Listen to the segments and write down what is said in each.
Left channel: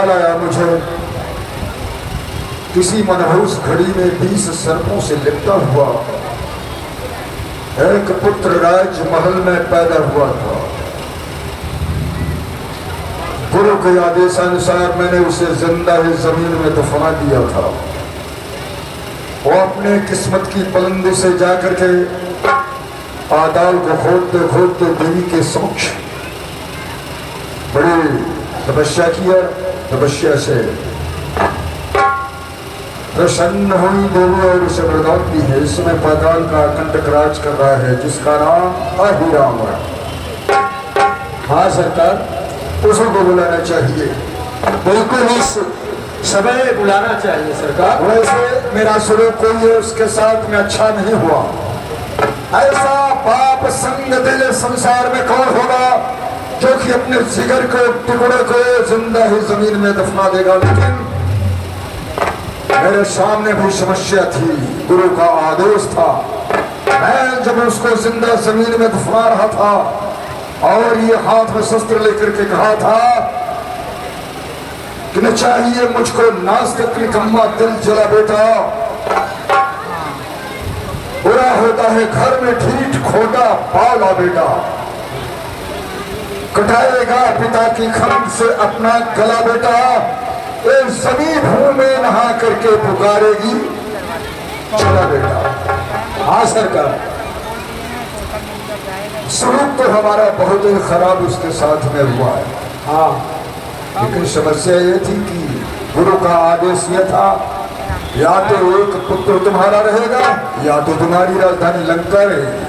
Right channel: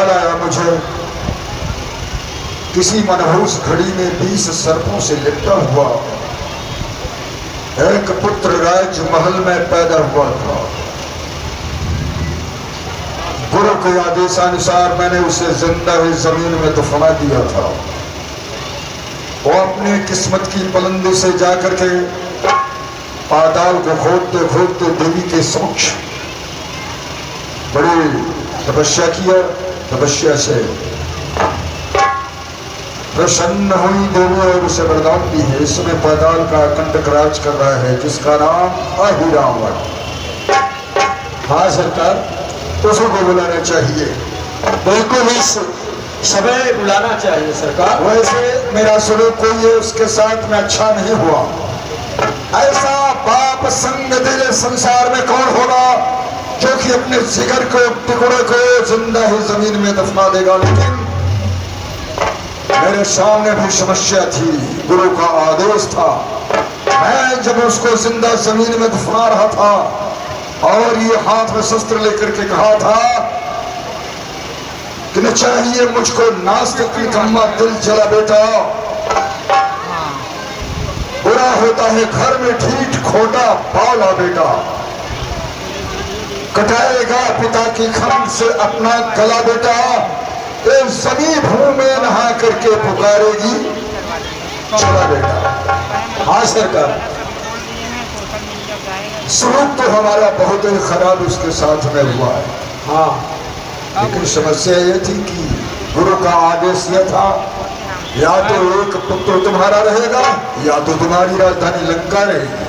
ख्याल आया मुझे, किसी मनहूस घड़ी में 20 सर्पों से लिपटा हुआ एक पुत्र राज महल में पैदा हुआ था। गुरु के आदेशानुसार मैंने उसे जिंदा ही जमीन में दफना दिया था। वो अपने किस्मत की बुलंदी से जाकर के पाताल को खोदते खोदते देवी के समक्ष बड़ी तपस्या किया। तपस्या से प्रसन्न हुई देवी और उसे वरदान दी है, इसमें पाताल का कंटक राज कर रहा है जिसका नाम अहिरावण। हाँ सरकार, उसी को बुलाना चाहिए। बिल्कुल इस समय बुलाना चाहिए सरकार। वैसे मेरा सलूक कोई है उसके साथ में अच्छा नहीं हुआ। ऐसा पाप संग दिल संसार में कौन होगा जो कि अपने जिगर को टुकड़े को जिंदा ही जमीन में दफना देगा। लेकिन मेरे सामने भी समस्या थी, गुरु का आदेश था। मैं जब उसको जिंदा जमीन में दफना रहा था और ये हाथ में शस्त्र लेकर के कहा था कि न चाहिए मुझको नास्तिक निकम्मा दिल जला बेटा, बुरा होता है घर में ढीठ खोटा पाला बेटा, कटाएगा पिता की खंड से अपना गला बेटा, सनी भूमि में नहा करके पुकारेगी चला बेटा। हाँ सरकार, सलूक तो हमारा बहुत ही खराब उसके साथ में हुआ है। हाँ, लेकिन समस्या ये थी कि गुरु का आदेश यह था, या तो एक पुत्र तुम्हारा रहेगा या तो तुम्हारी राजधानी लंका रहेगी।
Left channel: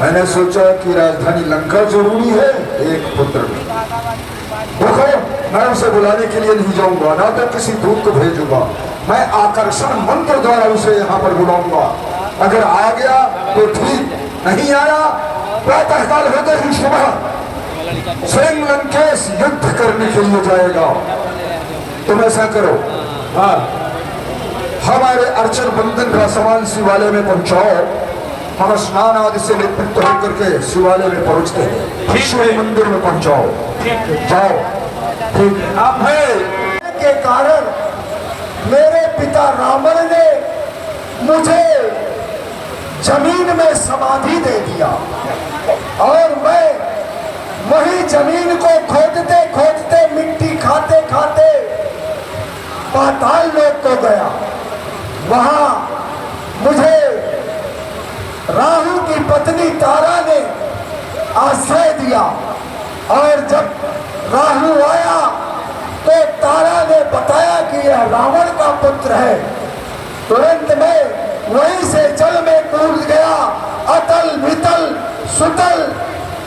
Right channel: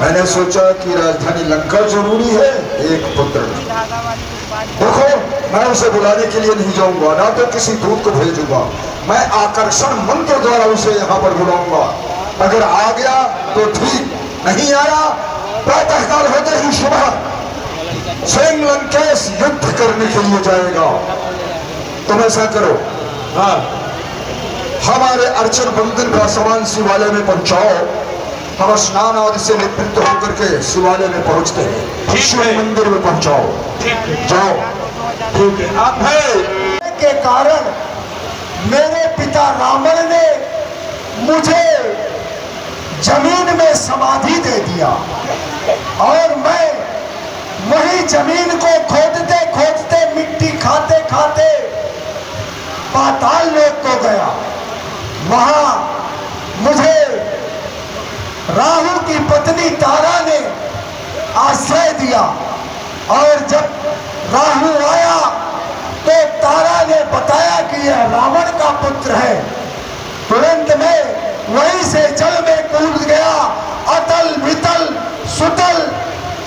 मैंने सोचा कि राजधानी लंका जरूरी है, एक पुत्र नहीं। देखो, मैं उसे बुलाने के लिए नहीं जाऊंगा, ना तो किसी दूत को भेजूंगा, मैं आकर्षण मंत्र द्वारा उसे यहाँ पर बुलाऊंगा। अगर आ गया तो ठीक, नहीं आया प्रातःकाल होते ही सुबह स्वयं लंकेश युद्ध करने के लिए जाएगा। तुम ऐसा करो, हाँ, हमारे अर्चन बंधन का सामान शिवालय में पहुंचाओ। हम स्नान आदि से निवृत्त होकर के शिवालय में पहुंचते हैं, शिव मंदिर में पहुंचाओ। जाओ। ठीक है। अब है के कारण मेरे पिता रावण ने मुझे जमीन में समाधि दे दिया और मैं वही जमीन को खोदते खोदते मिट्टी खाते खाते पाताल लोक को गया। वहां मुझे राहु की पत्नी तारा ने आश्रय दिया और जब राहु आया तो तारा ने बताया कि यह रावण का पुत्र है। तुरंत में वहीं से जल में कूद गया। अतल वितल सुतल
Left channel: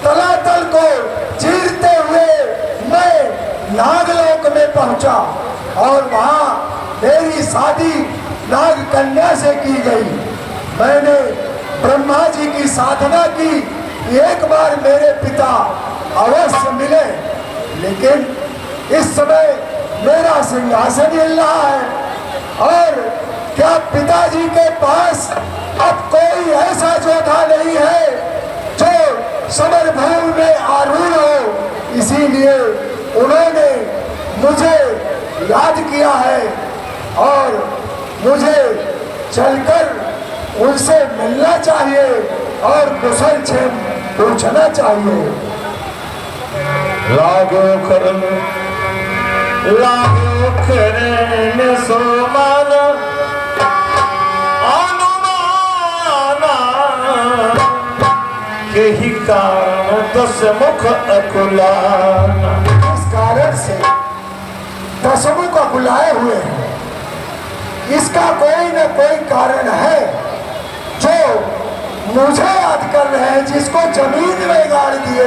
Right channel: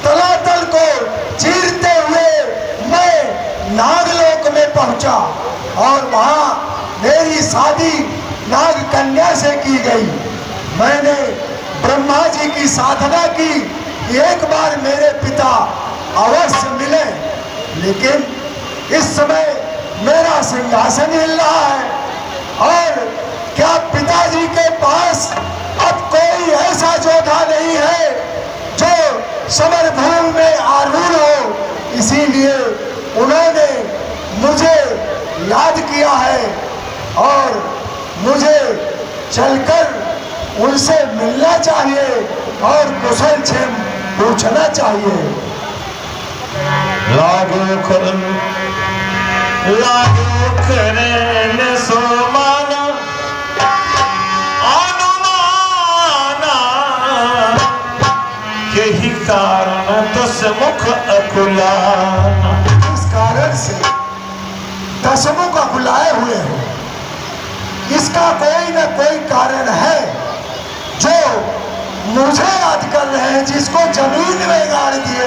तलातल को चीरते हुए मैं नागलोक में पहुंचा और वहां मेरी शादी नाग कन्या से की गई। मैंने ब्रह्मा जी की साधना की, एक बार मेरे पिता अवश्य मिले, लेकिन इस समय मेरा सिंहासन हिल रहा है और क्या पिताजी के पास अब कोई ऐसा जोधा नहीं है जो समर भूमि में आरूढ़ हो। इसीलिए उन्होंने मुझे याद किया है और मुझे चलकर उनसे मिलना चाहिए और कुशल क्षेम पूछना चाहिए। लागो करने सोमान अनुमाना के ही कारण 10 मुख अकुलाना। इस कारण से 10 मुख अकुलाए हुए हैं। इसका कोई न कोई कारण है जो मुझे याद कर रहे हैं, जिसको जमीन में गाड़ दिए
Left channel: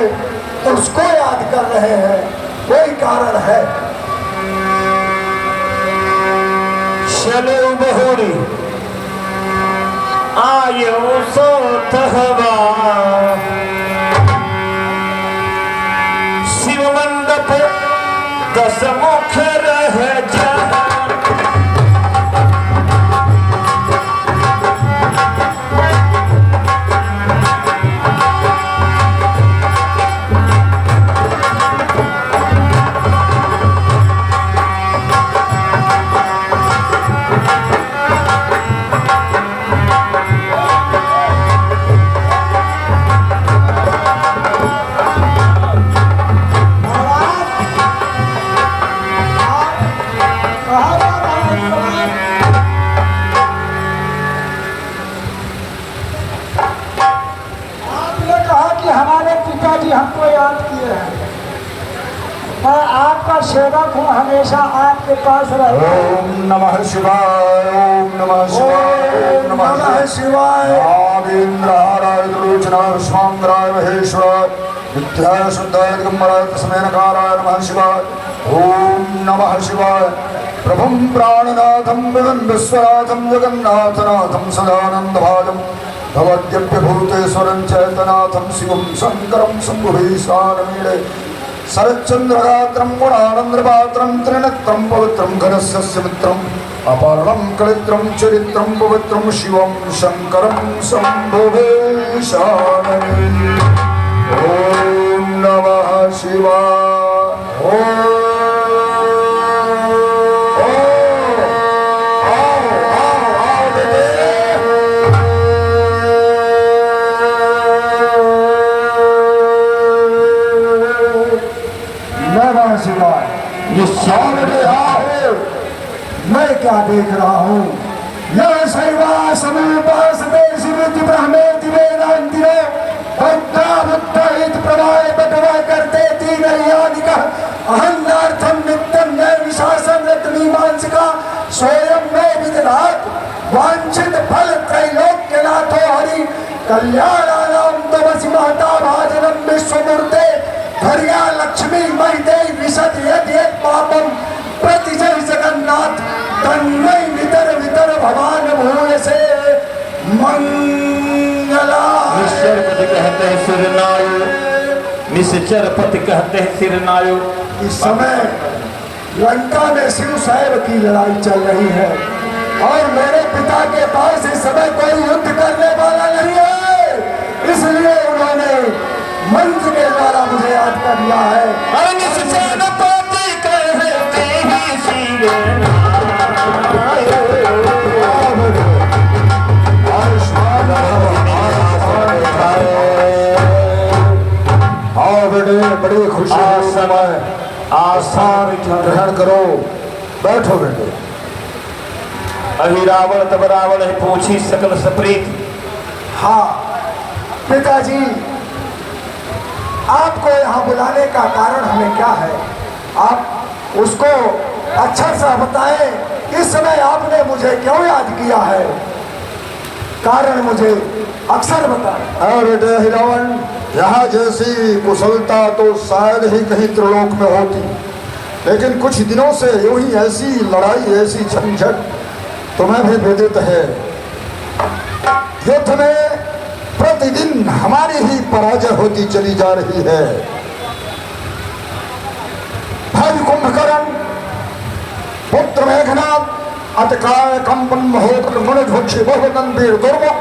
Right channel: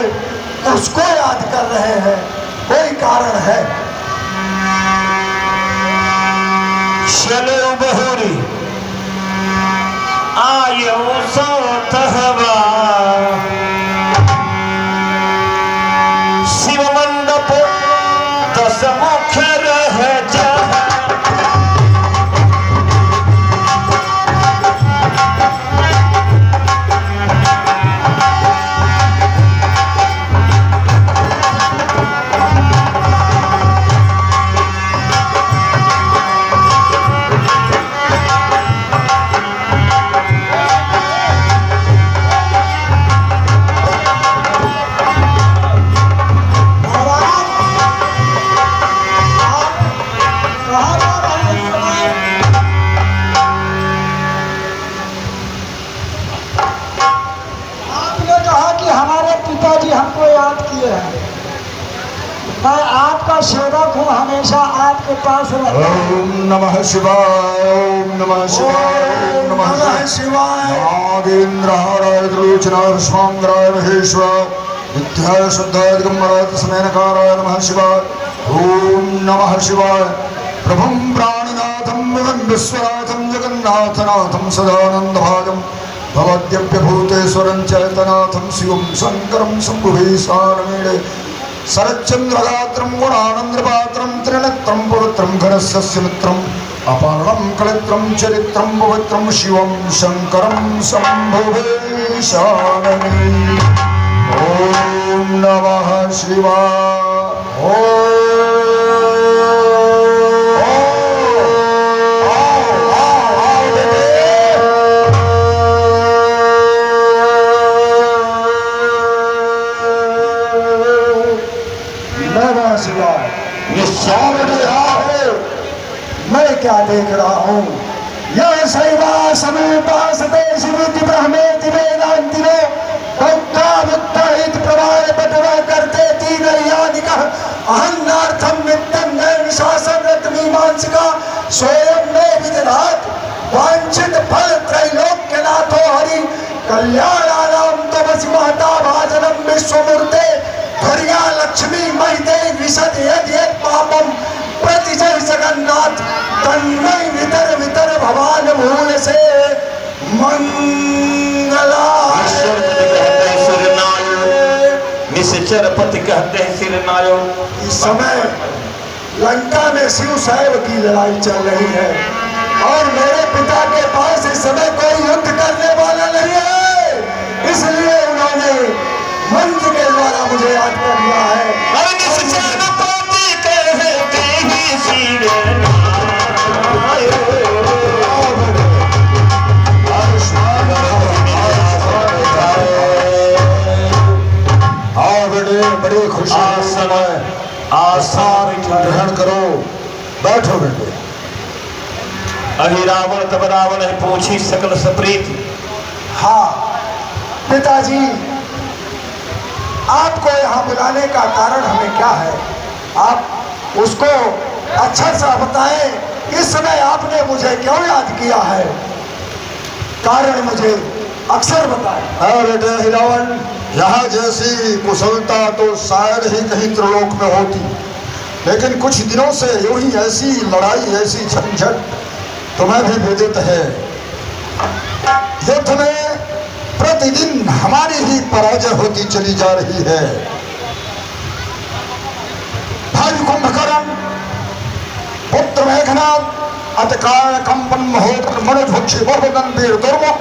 उसको याद कर रहे हैं। कोई कारण है। चलो बहरी आयो सो तहवा शिव मंडप 10 मुख रह जा। आंखों हमेशा आपके पास रहे। ओम नमः शिवाय, ओम नमः शिवाय, ओम नमः शिवाय। नागेंद्रहाराय त्रिलोचनाय स्वांगराय महेश्वर विद्याय शुद्धाय दिगंबराय तस्मै नकाराय नमः शिवाय। ओम नमः शिवाय। प्रभुं प्राणनाथं विश्वनाथं जगन्नाथनाथं सदानन्दभाजं भवद्यभ्यभूतेश्वरं चैतनाथं शिवं शङ्करं शम्भुभीशानमेणे शरच्चन्द्रगात्रं गुणानन्द्रपात्रं त्रिनेत्रं पवित्रं घनस्य मित्रम् अपारं कलित्रं चरित्रं पवित्रं शिवं शङ्करं शम्भुवे शरणमे। ॐ नमः शिवाय। ॐ मैं क्या देख रहा हूँ? यह शैवा समीपासते शिविति ब्रह्मेति वेदांतिनो बुद्धा बुद्धाहित प्रवाय बटवा करते तीन यादिकः अहन्नार्थं नित्यं नैव शासन रत्मीमांसिका स्वयं में विजरात वांछित फल त्रैलोक्यनाथो हरि कल्याणानां तवसि महता भाजनं विश्वमूर्ते हरिया लक्ष्मी महिते विशद यद यद पापम प्रतिजय जगन्नाथ तन्मय वितर वितर भवान भूल से मंगला। कहते हैं सिरनायो, निश्चर पति कहते हैं सिरनायो। इस समय लंका में शिव सैव की लड़ाई चल रही है और मेरे पिता के पास इस समय कोई युद्ध करने वाला नहीं है, इसलिए उन्होंने मंत्र के द्वारा मुझे याद कर लिया है। बड़ी खुशी का समय आस्थान ग्रहण करो, बैठो बेटे। अहि रावण तब रावण है पूछी सकल सप्रीत। हाँ पिताजी, आपको यहाँ बुलाने का कारण हमें क्या है? आप उसको अच्छा सा बताएं। इस समय आपने मुझे क्यों याद किया है? कारण मुझे अक्सर बताएं। बेटे रावण, यहाँ जैसी कुशलता तो शायद ही कहीं त्रिलोक में होती, लेकिन कुछ दिनों से यूं ही ऐसी लड़ाई, ऐसी झंझट तुम्हें भी विदित है। युद्ध में प्रतिदिन हमारी ही पराजय होती चली जा रही है। भाई कुंभकर्ण, पुत्र मेघनाद, अतकाय कंपन महोत्र गणध्वक्षी बहुगन वीर दुर्मुख,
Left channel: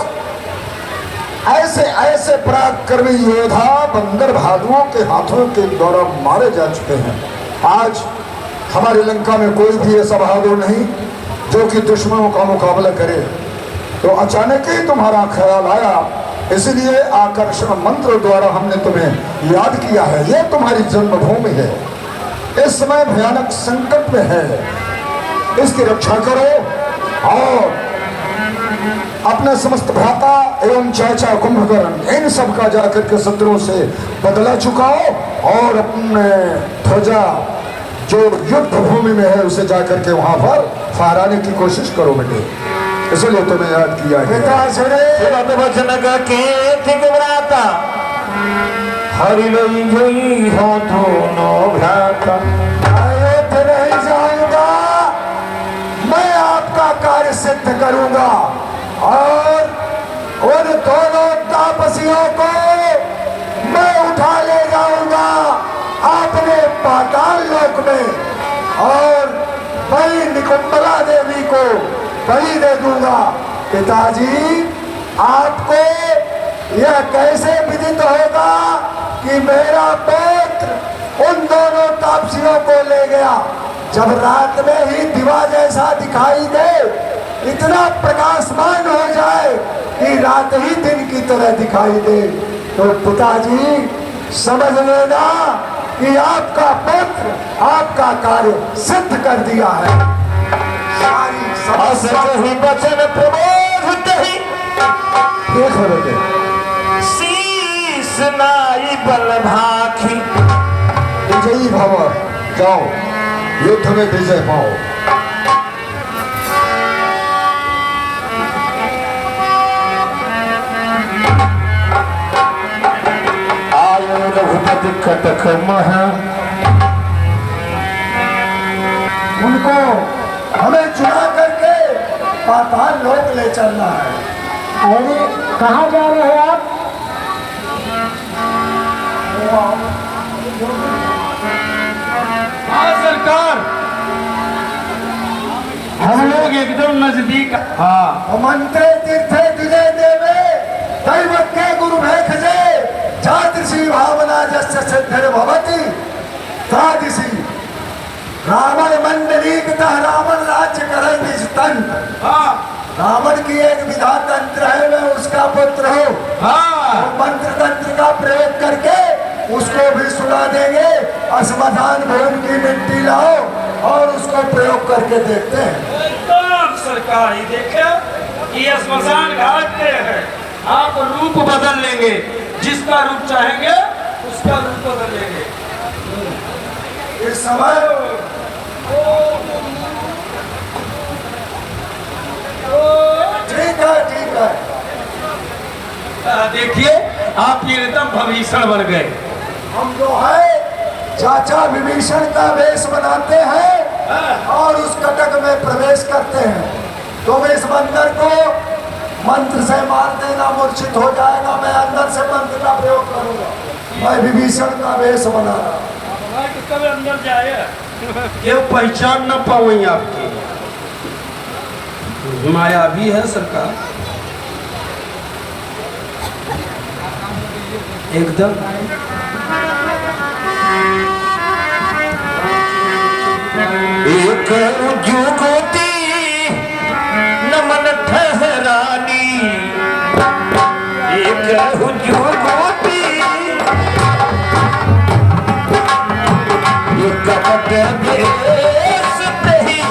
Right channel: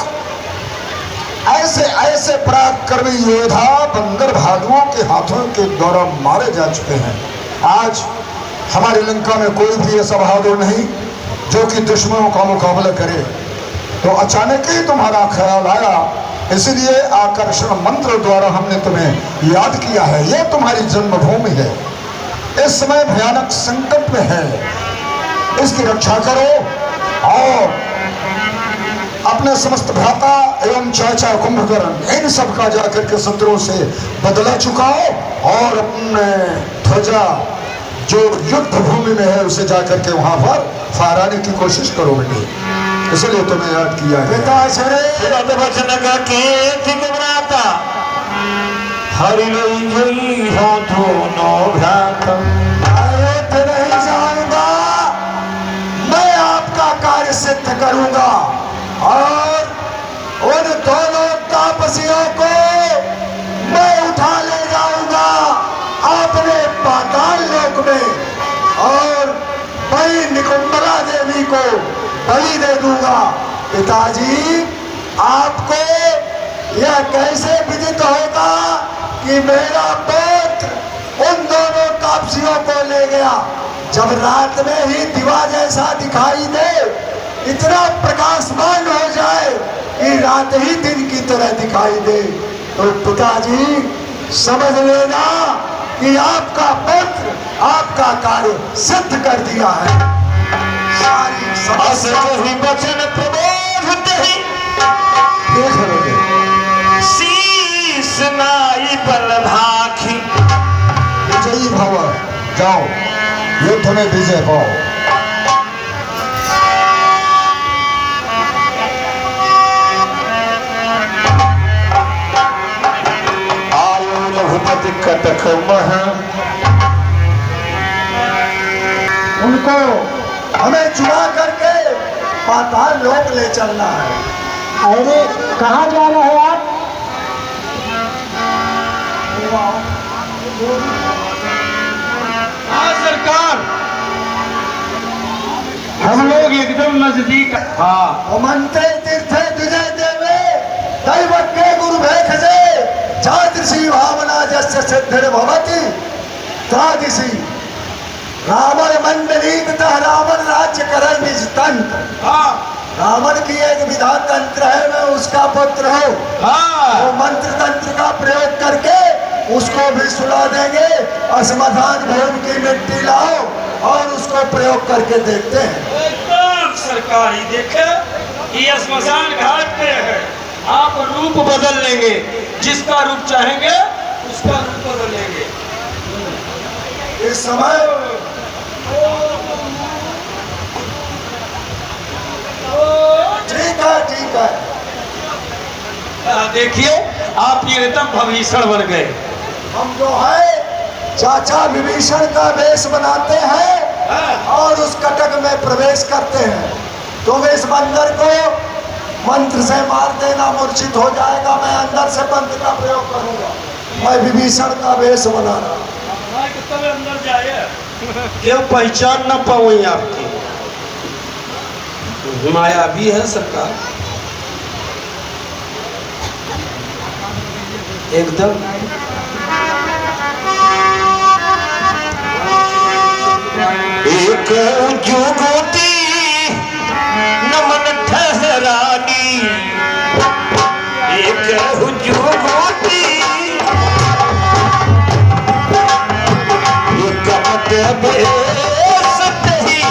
ऐसे ऐसे पराक्रमी योद्धा बंदर भालुओं के हाथों के द्वारा मारे जा चुके हैं। आज हमारी लंका में कोई भी ऐसा बहादुर नहीं जो कि दुश्मनों का मुकाबला करे। तो अचानक ही तुम्हारा ख्याल आया, इसलिए आकर्षण मंत्र द्वारा हमने तुम्हें याद किया है। यह तुम्हारी जन्मभूमि है, इस समय भयानक संकट में है, इसकी रक्षा करो और अपने समस्त भ्राता एवं चाचा कुंभकर्ण इन सब का जाकर के शत्रुओं से बदला चुकाओ और अपने ध्वजा जो युद्ध भूमि में है उसे जाकर के वहां पर फहराने की कोशिश करो बेटे, इसलिए तुम्हें याद किया है। मैं आपका कार्य सिद्ध करूंगा और उन दोनों तापसियों को मैं उठा ले जाऊंगा अपने पाताल लोक में और वही निकुंबला देवी को बलि दे दूंगा। पिताजी, आपको यह कैसे विदित होगा कि मेरा पुत्र उन दोनों तापसियों को ले गया? जब रात में ही दिवा जैसा दिखाई दे, इतना प्रकाशमान हो जाए कि रात ही दिन की तरह दिखाई दे, तो पिताजी समझ लेना कि आपका पुत्र आपका कार्य सिद्ध कर दिया है। सारी समस्या ही वचन प्रबोध ही देख रहे शीश नाई बल भाखी। विजयी भव, जाओ युद्ध में विजय पाओ। आयो रघुपति कटक महा, उनको हमें चुरा करके पाताल लोक ले चलना है। अरे कहाँ जा रहे हैं आप? हाँ सरकार, हम लोग एकदम नजदीक। हाँ, मंत्रे तीर्थे विजय देवे दैवत के गुरु भय खजे जादृशी भावना जस्य सिद्धिर्भवति तादृशी रावण मंडलीकतः रावण राज्य करे निज तंत्र। हाँ, रावण की एक विधा तंत्र है, मैं उसका पुत्र हूँ। हाँ, वो मंत्र तंत्र का प्रयोग करके उसको भी सुना देंगे। असमाधान भूमि की मिट्टी लाओ और उसको प्रयोग करके देखते हैं। एकदम सरकार ही देखे ये स्मशान घाट पे है। आप रूप बदल लेंगे, जिसका रूप चाहेंगे उसका रूप बदल लेंगे। इस समय ठीक है, ठीक है। देखिए आप ये एकदम भविष्य बन गए। हम जो है चाचा विभीषण का वेश बनाते हैं और उस कटक में प्रवेश करते हैं। तुम इस बंदर को मंत्र से मार देना, मूर्छित हो जाएगा। मैं अंदर से मंत्र का प्रयोग करूंगा। मैं विभीषण का वेश बना रहा हूं। अंदर जाए केव पहचान न पाओ आपकी माया भी है सरकार एकदम। एक जुगती नमन ठहरानी, एक जुगती कपट बेस तही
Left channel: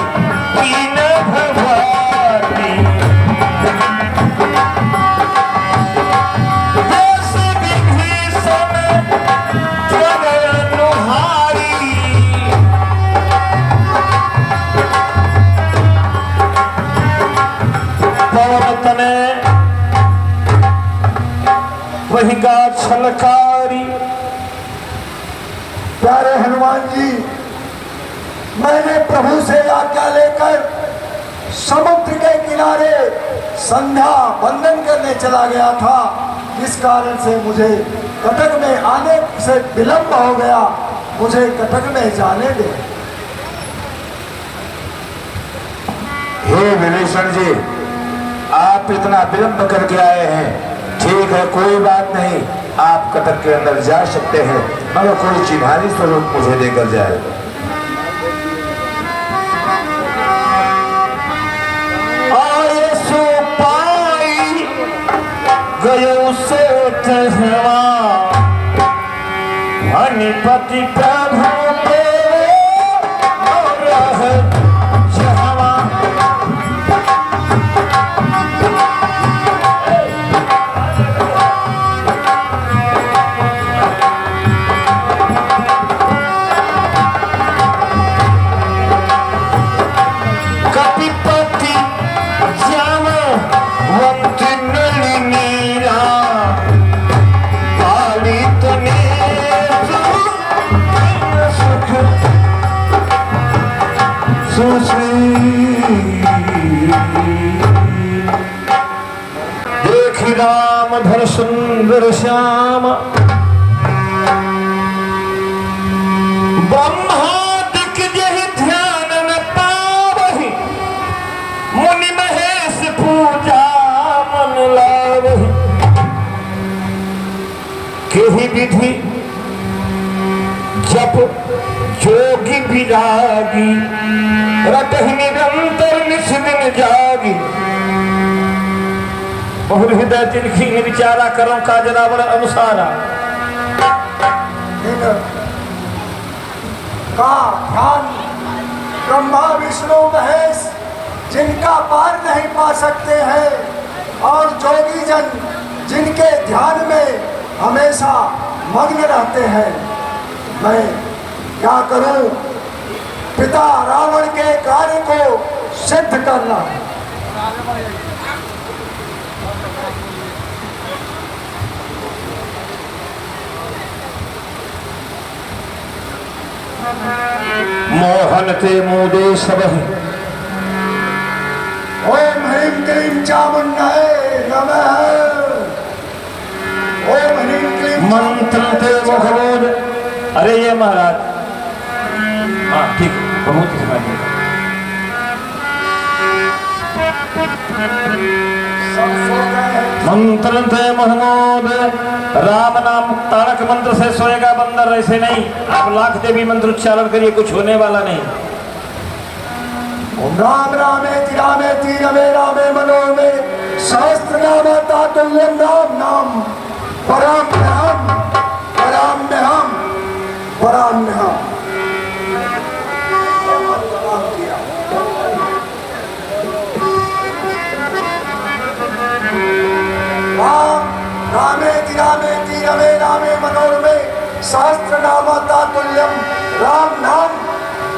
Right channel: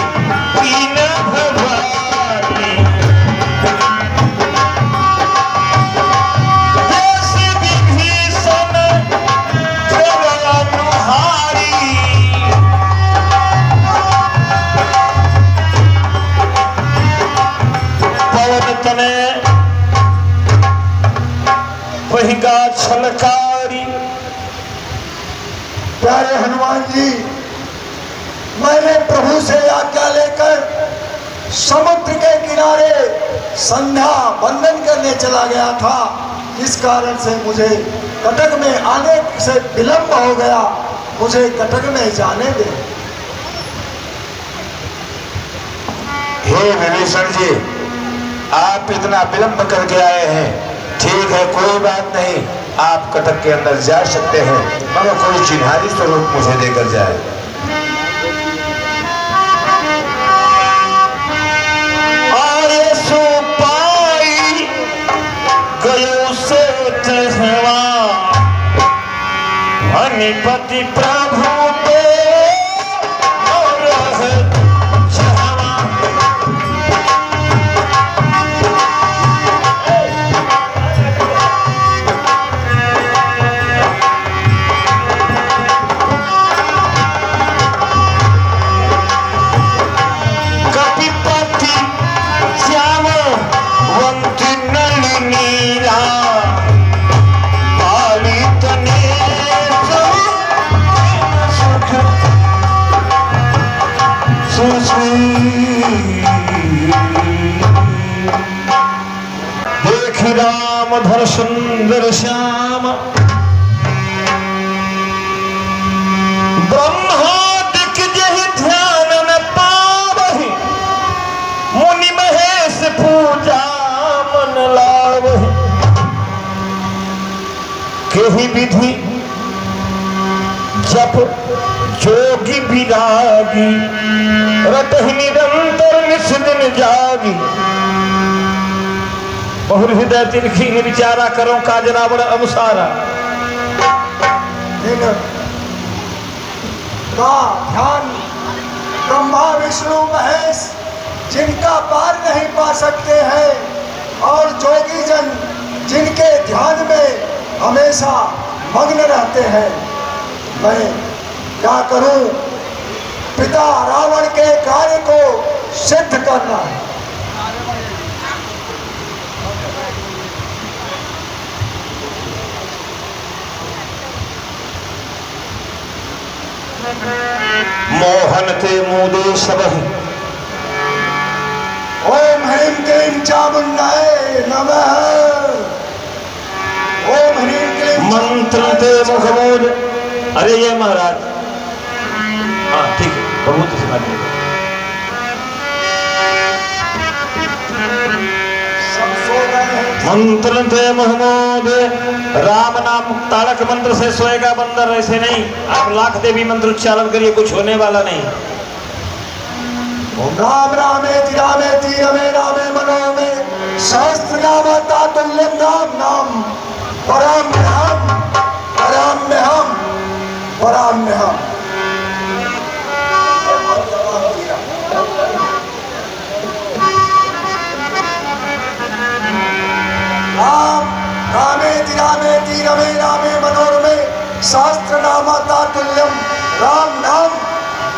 पीन भवानी, देश विभीषण प्रलय अनुहारी, पवन तने वही गा छलकारी। प्यारे हनुमान जी, मैंने प्रभु से आज्ञा लेकर समुद्र के किनारे संध्या वंदन करने चला गया था। इस कारण से मुझे कटक में आने से विलंब हो गया। मुझे कटक में जाने दे। हे विभीषण जी, आप इतना विलंब करके आए हैं, ठीक है, कोई बात नहीं, आप कटक के अंदर जा सकते हैं, मगर कोई चिन्हारी स्वरूप मुझे देकर जाए। आए सो पाई गयो से तहवा, हनिपति प्रभु पे और रह जहवा। कपिपति जामवंत नलिनीरा, पालित नेत्र सुख सुश्री। देखि राम धर सुंदर श्याम, ब्रह्मादिक जहि ध्यान न पावहि, मुनि महेश पूजा मन लावहि। केहि विधि जप जोगी विरागी, रतहि निरंतर निस दिन जागी। बहुर हृदय तिरखी विचारा करो का जनावर अनुसारा। का ध्यान ब्रह्मा विष्णु महेश जिनका पार नहीं पा सकते हैं, और जोगी जन जिनके ध्यान में हमेशा मग्न रहते हैं। मैं क्या करूं? पिता रावण के कार्य को सिद्ध करना है। मोहन ते मुदे सबहि ओम ह्रीं क्लीं चामुंडाय नमः। ओम ह्रीं क्लीं मंत्र ते मुखमोद। अरे ये महाराज, हाँ ठीक है, बहुत सुना दिया। सब सो गए हैं। मंत्र थे मोहम्मद, राम नाम तारक मंत्र से सोएगा बंदर, ऐसे नहीं। आप लाख देवी मंत्र उच्चारण करिए, कुछ होने वाला नहीं। ओम राम रामेति रामेति रमे रामे मनोमे सहस्रनाम तातुल्यं नाम नाम पराम्यहम् पराम्यहम् पराम्यहम्। राम रामेति रामेति रमे रामे मनोरमे सहस्रनाम तातुल्यं राम नाम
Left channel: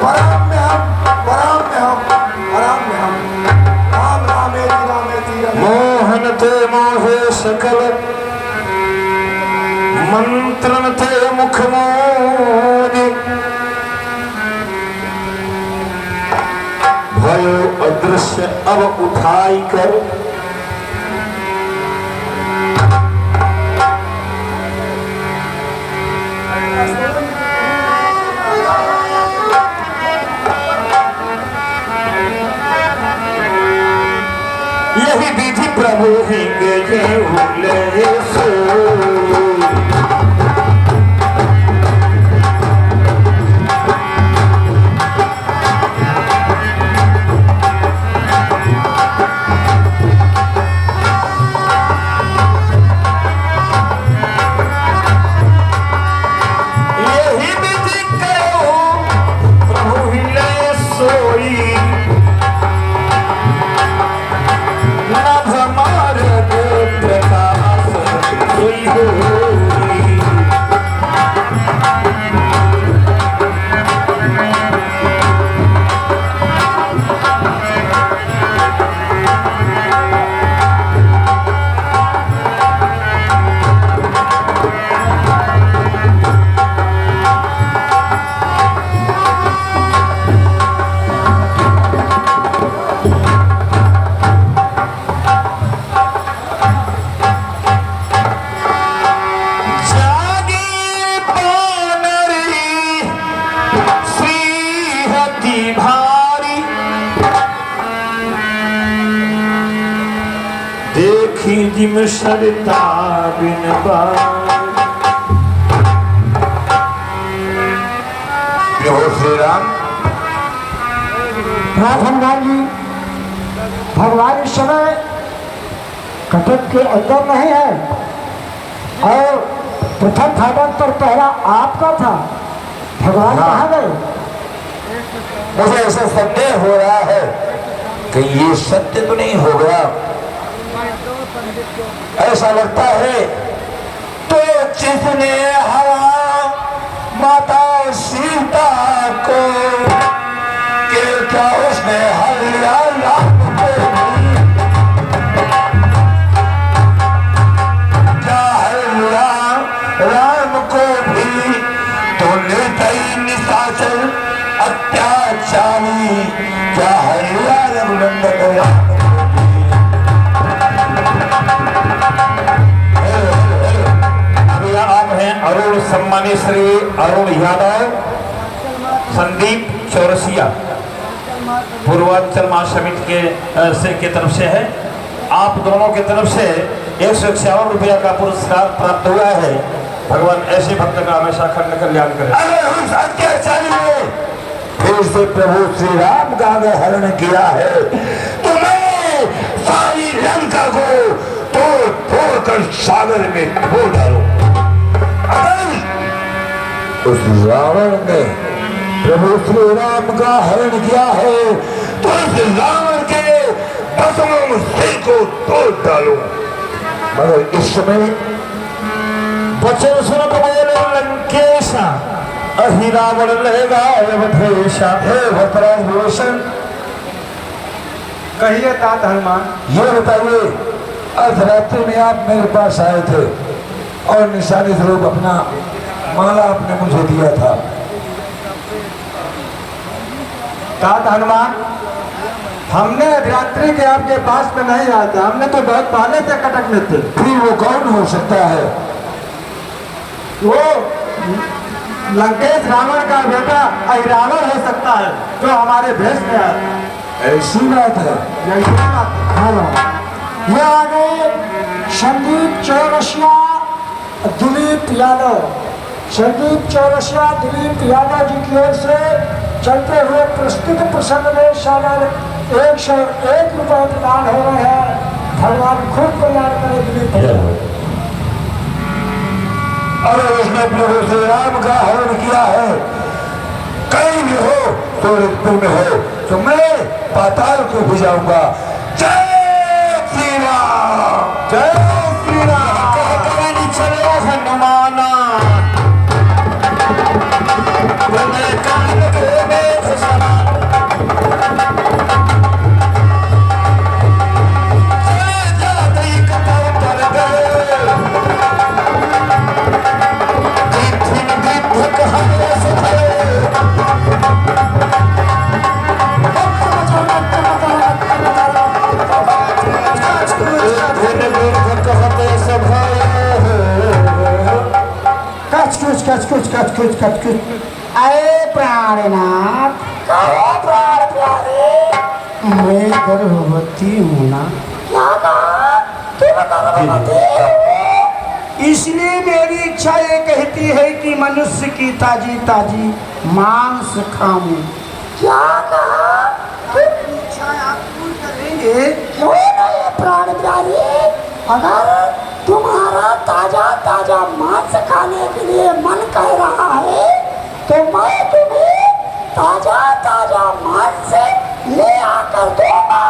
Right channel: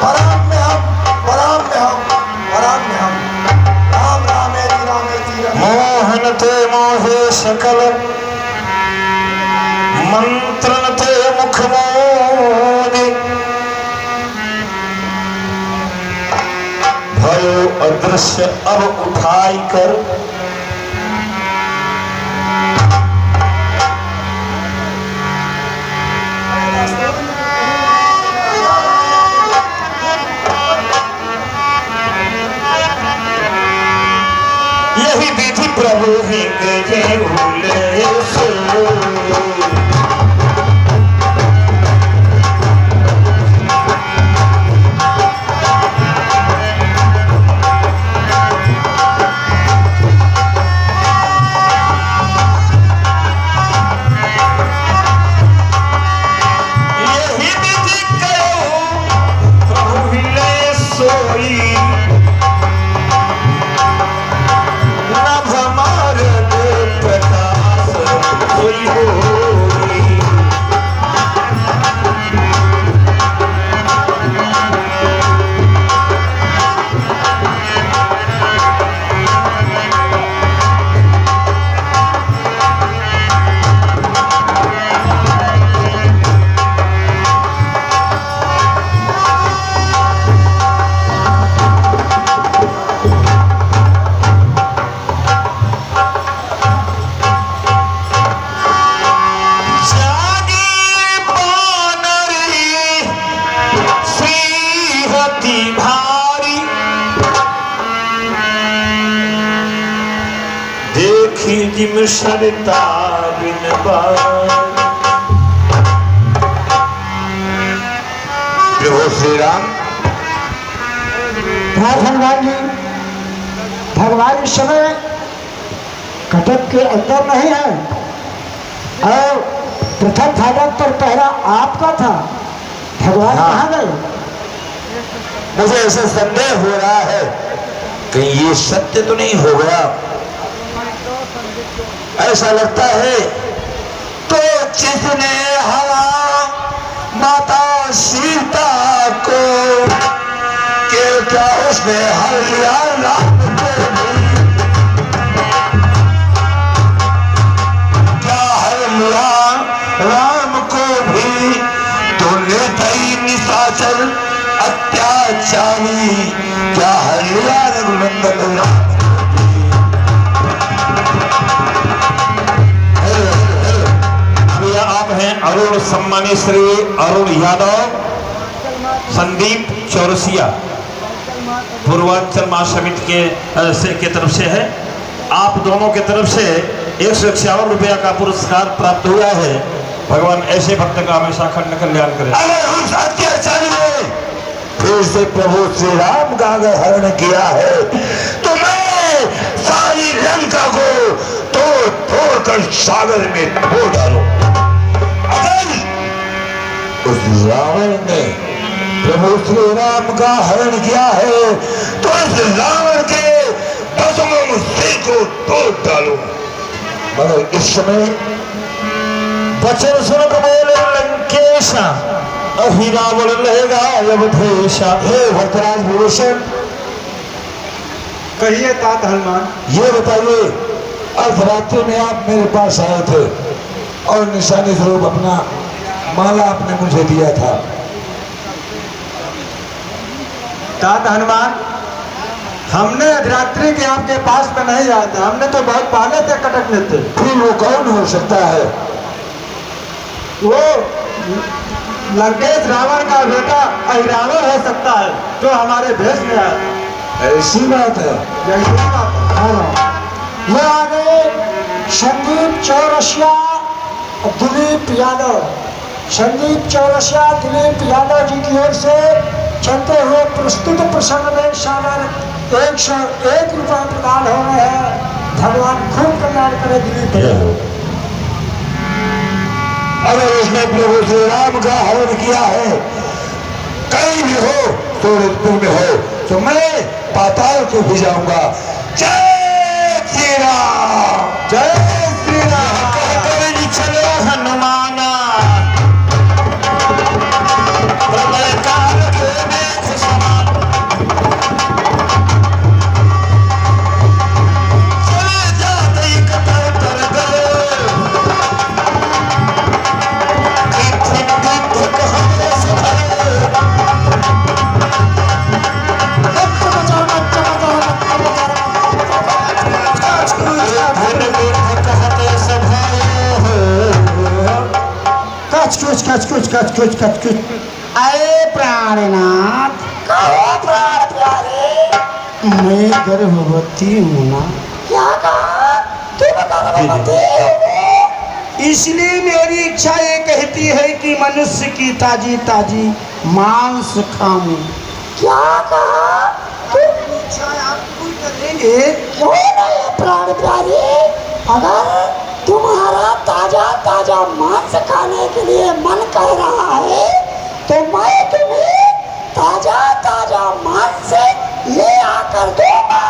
पराम्यहम् पराम्यहम् पराम्यहम्। राम रामेति रामेति रमे मोहन ते मोहे सकल, मंत्रन ते मुख मोदि। भयो अदृश्य अब उठाई कर, यही विधि प्रभु हिंग जय उले सो। यही विधि करो प्रभु हिले सोई। नभ मार्ग प्रकाश सोई होई। जागी बानरी श्रीहति भारी, देखी जिम सरिता बिन बार। प्रभु श्री राम हनुमान जी, भगवान इस समय कटक के अंदर नहीं है और प्रथम फाटक पर पहला आपका था। भगवान कहाँ गए? मुझे ऐसा संदेह हो रहा है कि ये सत्य तो नहीं हो गया। ऐसा लगता है तो जिसने हरा माता सीता को, कि क्या उसने हरिया राम को भी? क्या हरिया राम को भी तो निर्दयी निशाचर अत्याचारी? क्या हरिया रघुनंदन राम अभी आप हैं अरुण सम्मानी श्री अरुण यादव, संदीप चौरसिया, पूर्वांचल महासमिति के तरफ से है। आप दोनों के तरफ से 151 रुपया का पुरस्कार प्राप्त हुआ है। भगवान ऐसे भक्त का हमेशा खंड कल्याण करे। अगर उस अत्याचारी ने फिर से प्रभु श्री राम का अगर हरण किया है तो मैं सारी लंका को तोड़ फोड़ कर सागर में खो डालूं। अगर उस रावण ने प्रभु श्री राम का हरण किया है तो इस रावण के बसमों सिर को तोड़ डालूं। मगर इस समय वचन सुन बोले लंकेश, अहि रावण लेगा अवधेशा। हे धर्तराज विभीषण, कहिए तात हनुमान। ये बताइए, अर्धरात्रि में आप मेरे पास आए थे और निशानी स्वरूप अपना माला आपने मुझे दिया था। तात हनुमान, हमने रात्रि के आपके पास में नहीं आए थे, हमने तो बहुत पहले से कटक में थे। फिर वो कौन हो सकता है? वो लंकेश रावण का बेटा अहिरावण हो सकता है, जो हमारे भेष में आया। ऐसी बात है। यही बात है। हाँ, ये आगे संदीप चौरसिया दिलीप यादव, संदीप चौरसिया दिलीप यादव जी की ओर से चलते हुए प्रस्तुत प्रसंग में सर 101 रुपये प्रदान हो रहे हैं। भगवान खूब कल्याण करे दिलीप यादव। अगर इसने प्रभु श्री राम का हरण किया है, कहीं भी हो तो ऋतु में हो, तो मैं पाताल को भी जाऊंगा। जय श्री राम, जय श्री राम। चलो हनुमाना प्रलय काल के मेघ समान। कच अरे प्राणनाथ, कहो प्राण प्यारे, मैं गर्भवती हूँ ना। क्या कहा? तू गर्भवती है? इसलिए मेरी इच्छा ये कहती है कि मनुष्य की ताजी ताजी मांस खाऊं। क्या कहा? तुम इच्छा आप पूरी करेंगे? क्यों नहीं प्राण प्यारे, अगर तुम्हारा ताजा ताजा मांस खाने के लिए मन कर रहा है तो मैं तुम्हें ताजा ताजा मांस ले आकर दूंगा।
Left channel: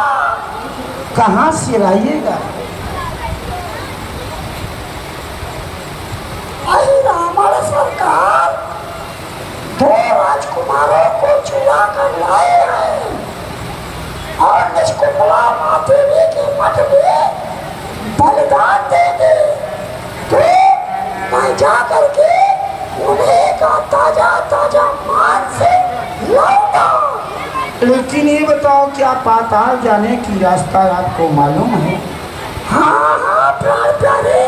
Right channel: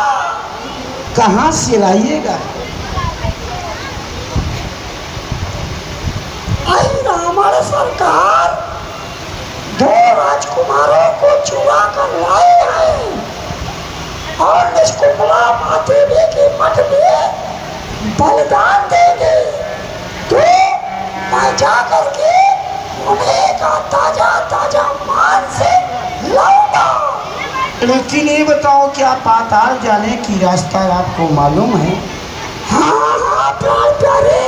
कहाँ से लाइएगा? रावण सरकार 2 राजकुमारों को चुरा कर लाए हैं और निष्कुंभला माधेवी के मठ में बलिदान देंगे। तो मैं जा करके उन्हें का ताजा ताजा मांस लाऊंगा। लेकिन ये बताओ, क्या पाताल जाने की रास्ता आपको मालूम है? हाँ हाँ प्राण प्यारे,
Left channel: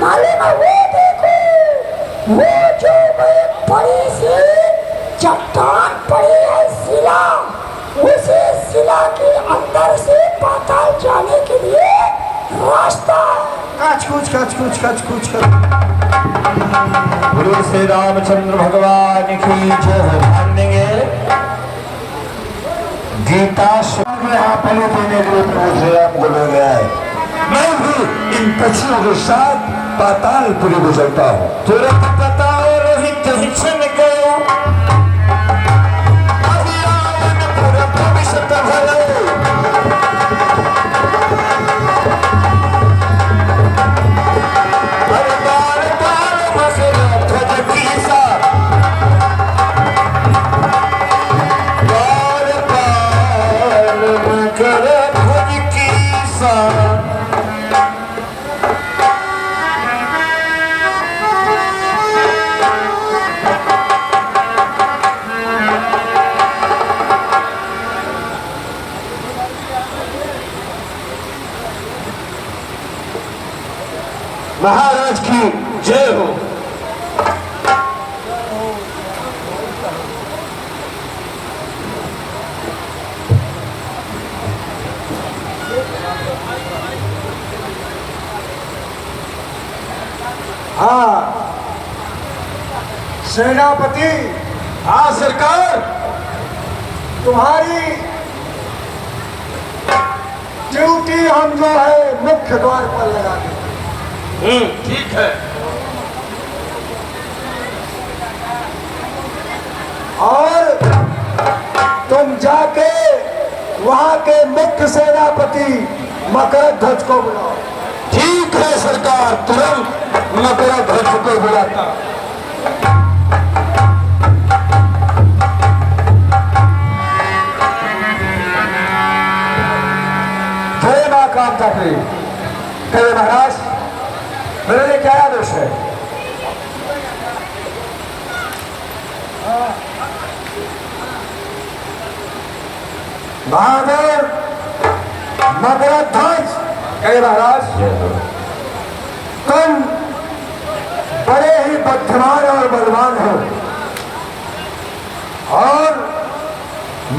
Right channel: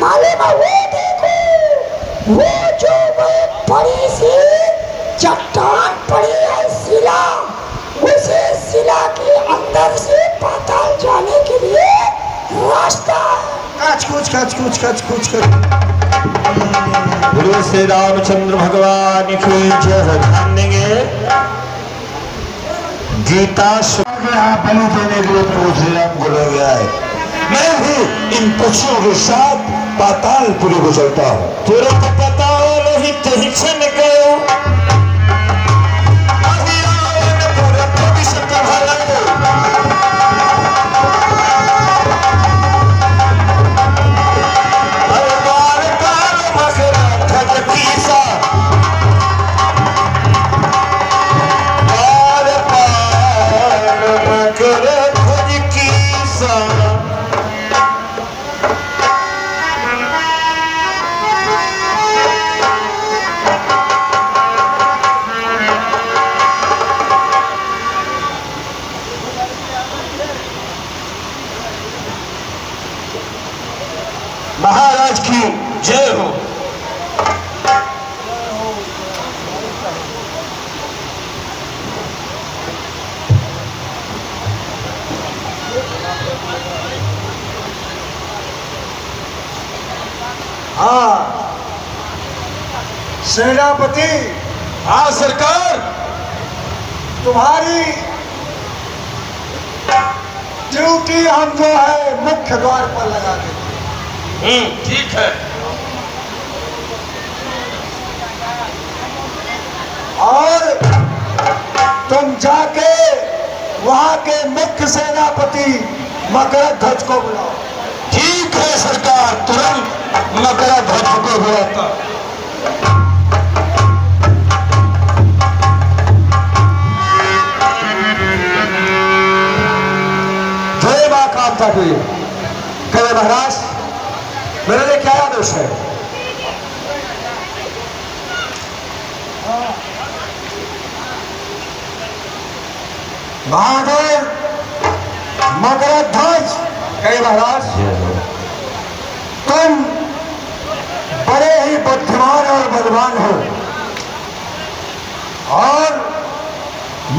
मालूम है। वो देखो, वो जो बड़ी सी चट्टान पड़ी है, शिला, उसे शिला के अंदर से पाताल जाने के लिए रास्ता। कच कुछ गुरु श्री रामचंद्र भगवान की जय। ध्यान देंगे, गीता आप बलि देने के लिए प्रभु श्री राम को ले गया है। मैं भी इन पक्षियों के साथ पातालपुरी को चलता हूँ। तुरंत पता रोहित हिचन गए। महाराज की जय हो। हाँ सेनापति। हाँ सरकार। तुम्हारी ड्यूटी हम जो है मुख्य द्वार पर लगा देंगे। ठीक है। और तुम जाके वहां के मुख्य सेनापति मकरध्वज को बुलाओ। ठीक है सरकार, तुरंत मकरध्वज को बुलाता। था कोई? कहे महाराज मेरे लिए क्या आदेश है? महादेव मगरध्वज, कहे महाराज तुम बड़े ही बुद्धिमान और बलवान हो, और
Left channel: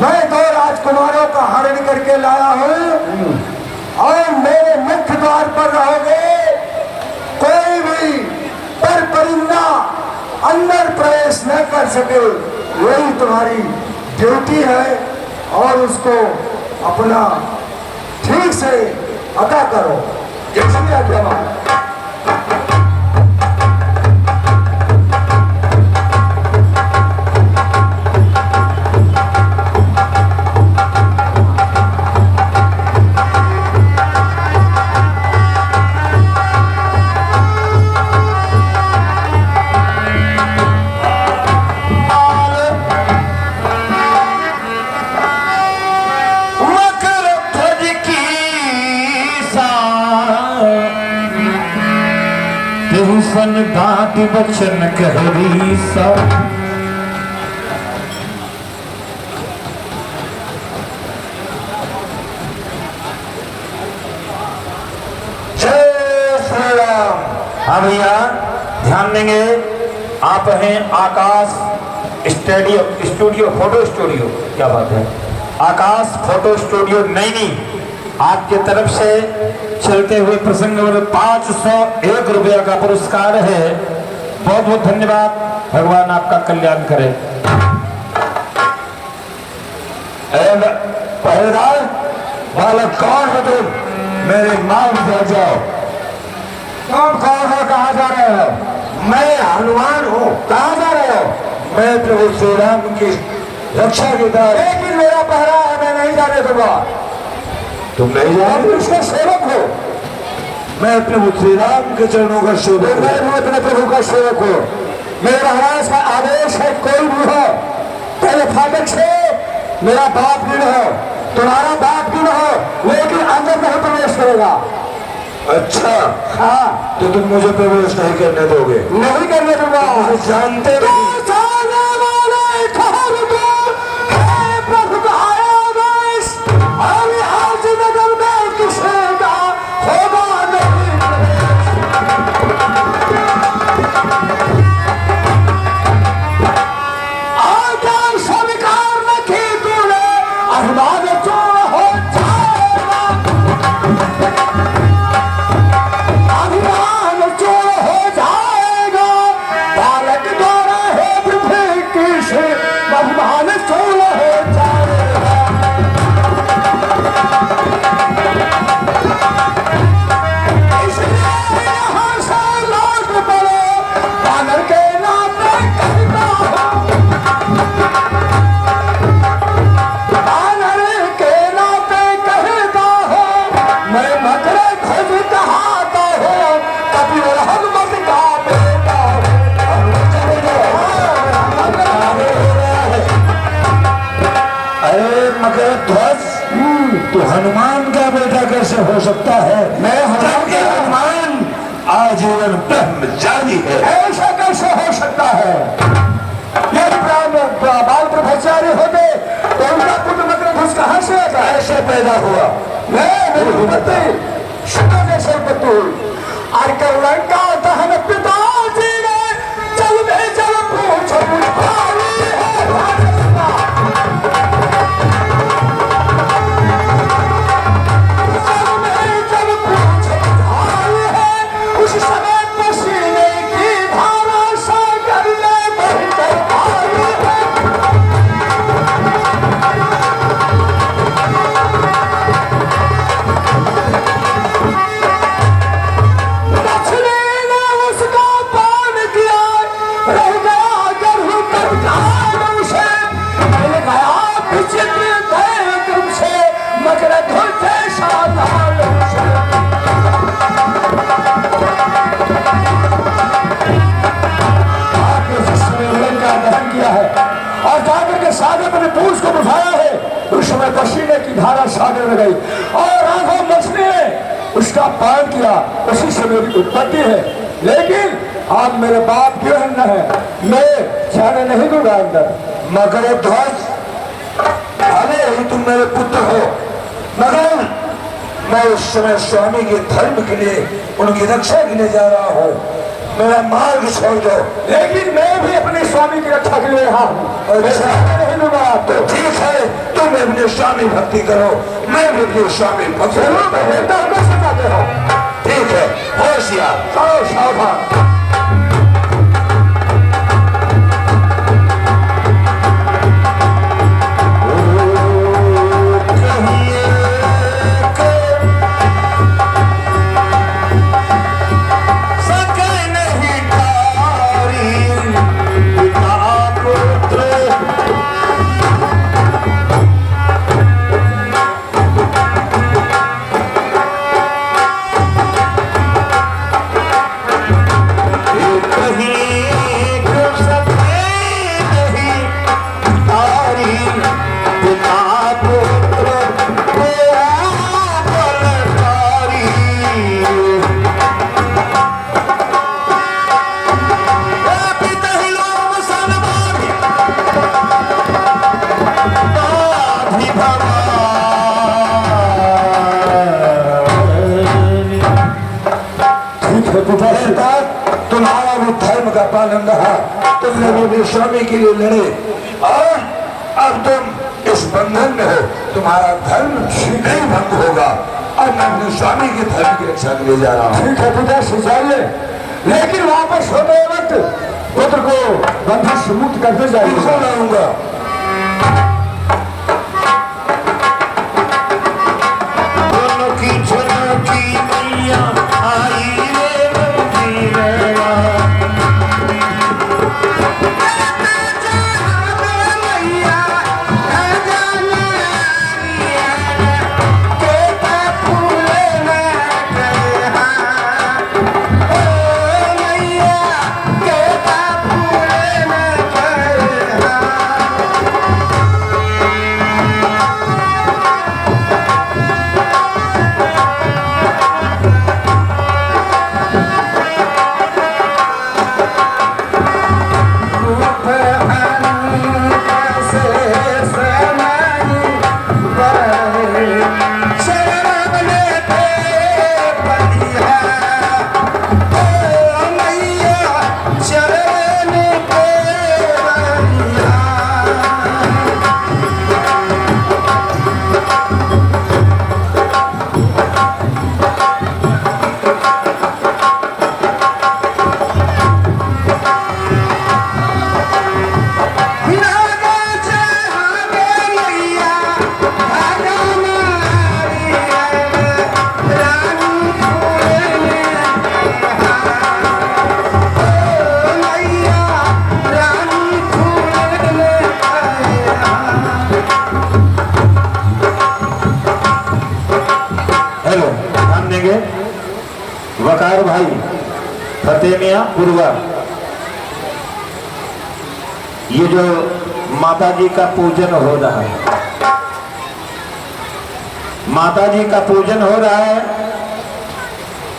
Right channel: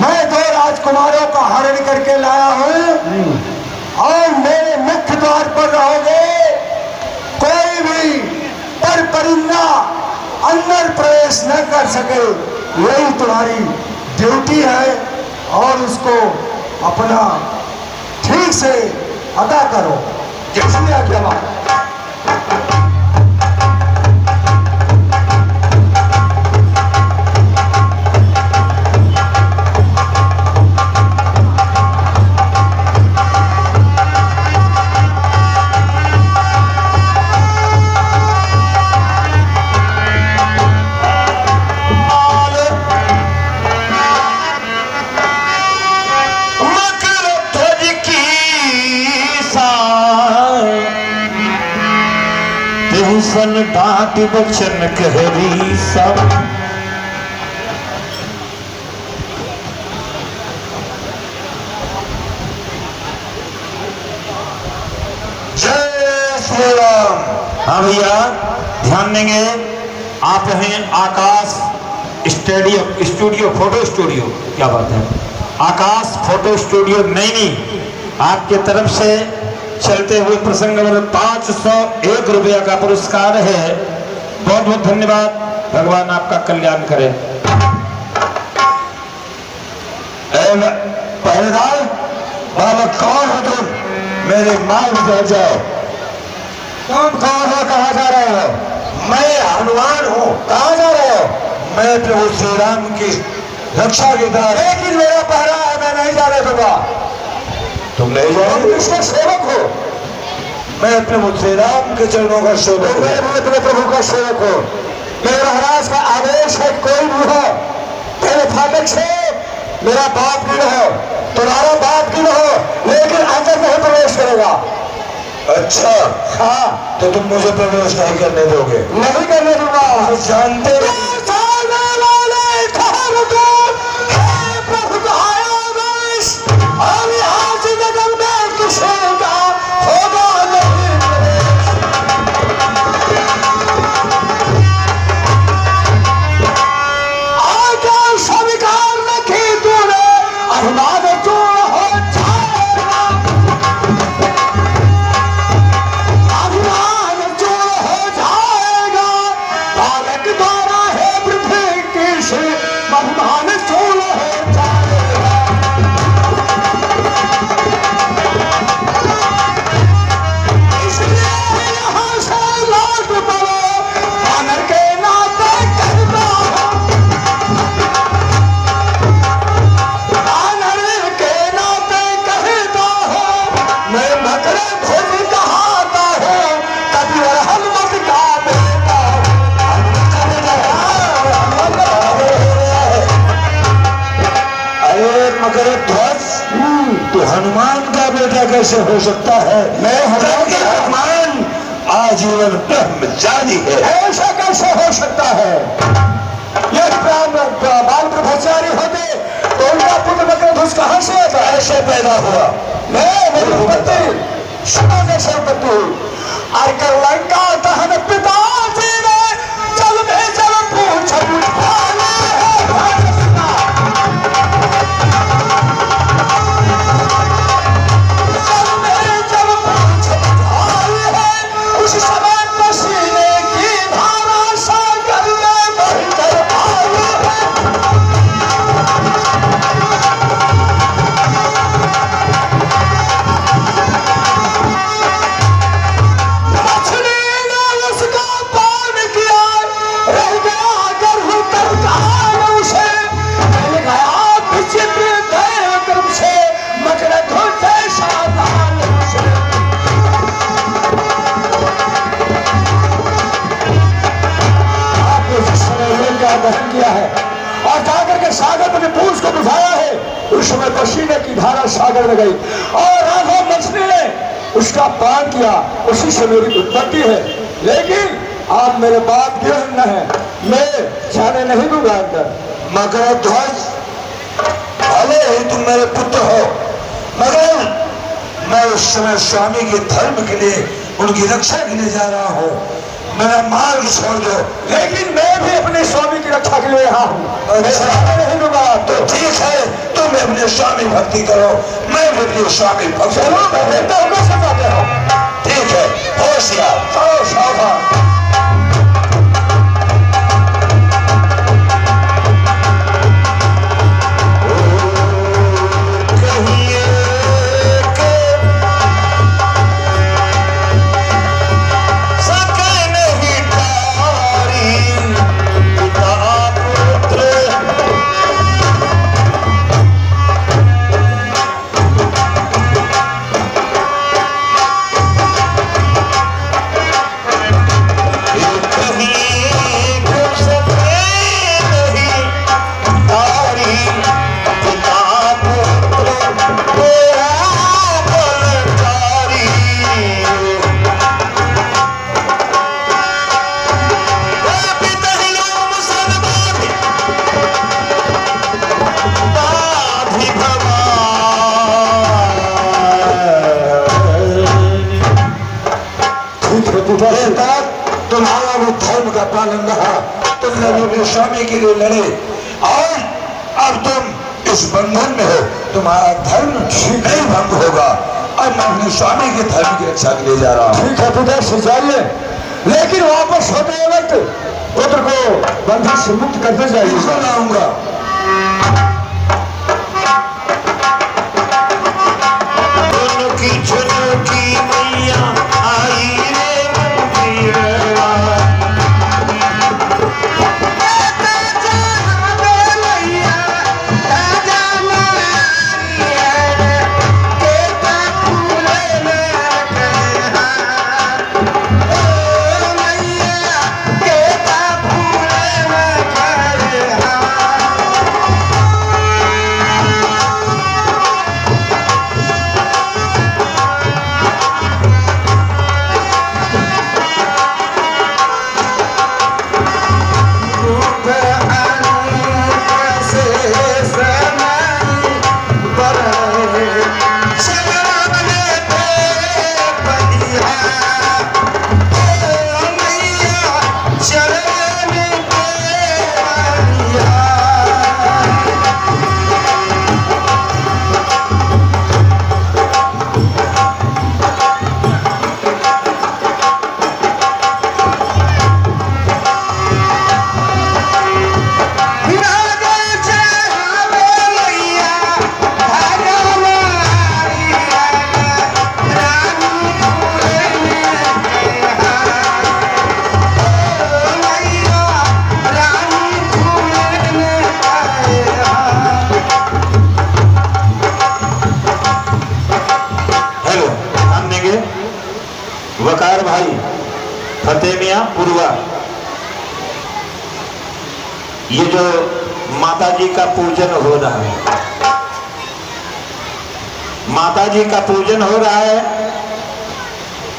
मैं 2 राजकुमारों का हरण करके लाया हूं, और मेरे मुख्य द्वार पर रहोगे। कोई भी पर परिंदा अंदर प्रवेश न कर सके, यही तुम्हारी ड्यूटी है, और उसको अपना ठीक से अदा करो। जैसे आज्ञा। सन डांट बचन कहरी सब जय श्री राम। हाँ भैया ध्यान देंगे। आप हैं आकाश स्टूडियो फोटो स्टूडियो, क्या बात है, आकाश फोटो स्टूडियो नैनी, आपके तरफ से चलते हुए प्रसंग नंबर 501 रुपया का पुरस्कार है। बहुत बहुत धन्यवाद, भगवान आपका कल्याण करे। पहरेदार बालक कौन हो तुम? मेरे मांग पर जाओ। तुम कौन हो? कहाँ जा रहे हो? मैं हनुमान हूँ। कहाँ जा रहे हो? मैं प्रभु श्री राम की रक्षा के द्वारा, लेकिन मेरा पहरा है, मैं नहीं जाने दूंगा। तुम नहीं जाओगे? उसका सेवक हो। मैं प्रभु श्री राम के चरणों का सेवक, मैं अपने प्रभु का सेवक हूँ। मेरे महाराज का आदेश है, कोई भी हो पहले फाटक से मेरा बाप गिन हो, तुम्हारा बाप गिन हो, लेकिन अंदर नहीं प्रवेश करेगा। अच्छा हाँ, तो तुम मुझे प्रवेश नहीं करने दोगे? नहीं करने दूंगा। जानते तो हनुमान का बेटा कैसे हो सकता है? मैं हनुमान आजीवन ब्रह्मचारी है। ऐसा कैसे हो सकता है? यदि बाल ब्रह्मचारी होते तो उनका पुत्र मकरध्वज कहाँ से ऐसे पैदा हुआ? मेरी पत्नी सुना कैसे पत्नी आकर लंका दहन पिताजी ने जल में जल पूछ उस समय पसीने की धारा सागर में बहकर आई है। मछली ने उसका पान किया, रह गया गर्भ तत्काल उसे, मिल गया विचित्र दैव से मकरध्वज जैसा लाल उसे। दहन किया है और जाकर के सागर में पूछ को बुझाया है। उस समय पसीने की धारा सागर में गई और राघव मछली ने उसका पान किया, उसी से मेरी उत्पत्ति है। लेकिन आप मेरे बाप क्यों न है, मैं जाने नहीं दूंगा अंदर। मगर ध्वज, भले ही तुम मेरे पुत्र हो, मगर मैं उस समय स्वामी के धर्म के लिए, उनकी रक्षा के लिए जा रहा हूँ। मेरा मार्ग छोड़ दो। लेकिन मैं भी अपने स्वामी की रक्षा के लिए यहाँ हूँ, नहीं दूंगा। तो ठीक है, तुम अपने स्वामी भक्ति करो, मैं भी अपने स्वामी भक्ति करूँ। ठीक है, होशियार, चलो सावधान। तुम्हारा भी धर्म का पालन रहा, तुमने भी अपने स्वामी के लिए लड़े, और अब तुम इस बंधन में हो, तुम्हारा धर्म नहीं भंग होगा। अब मैं अपने स्वामी के धर्म की रक्षा के लिए जा रहा हूँ। ठीक है पिताश्री, जाइए, लेकिन वापस होते वक्त पुत्र को बंधन से मुक्त करते जाइए। लाऊंगा। मैया आई वकार भाई फतेह मियां पूर्वा, ये जो माता जी का पूजन हो रहा है, माता जी का पूजन हो रहा है,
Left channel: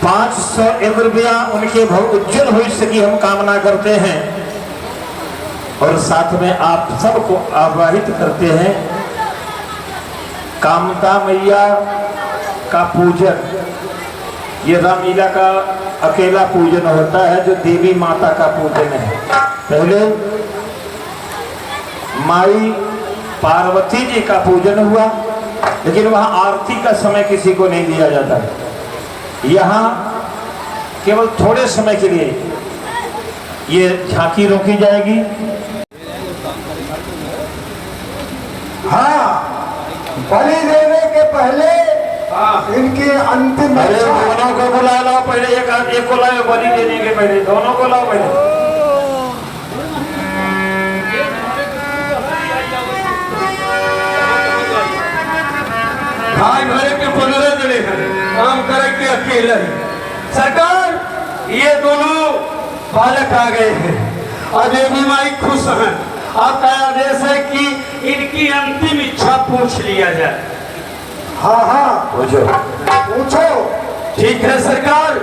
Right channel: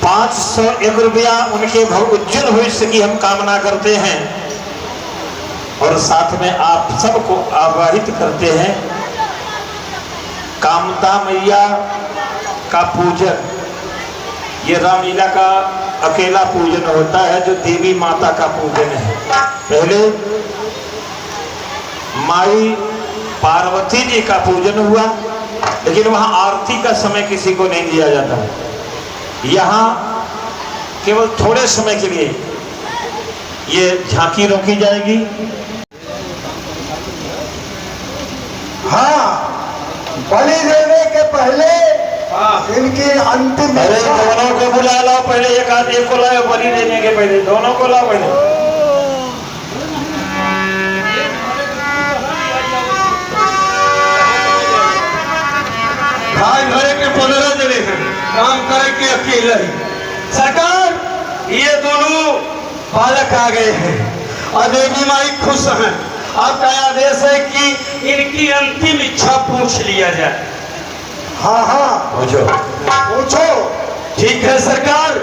501 रुपया उनके उज्जवल भविष्य की हम कामना करते हैं, और साथ में आप सबको आवाहित करते हैं। कामता मैया का पूजन, ये रामलीला का अकेला पूजन होता है, जो देवी माता का पूजन है। पहले माई पार्वती जी का पूजन हुआ, लेकिन वहां आरती का समय किसी को नहीं दिया जाता। यहाँ केवल थोड़े समय के लिए ये झांकी रोकी जाएगी। हाँ, बलि देने के पहले इनकी अंतिम, दोनों को बुला लो पहले, एक आदमी को लाओ बलि देने के पहले, दोनों को लाओ पहले। भाई भरे के 15 जिले हैं, काम करे के अकेला ही। सरकार, ये दोनों बालक आ गए हैं और देवी माई खुश हैं। आपका आदेश है कि इनकी अंतिम इच्छा पूछ लिया जाए। हाँ हाँ पूछो। पूछो। ठीक है सरकार।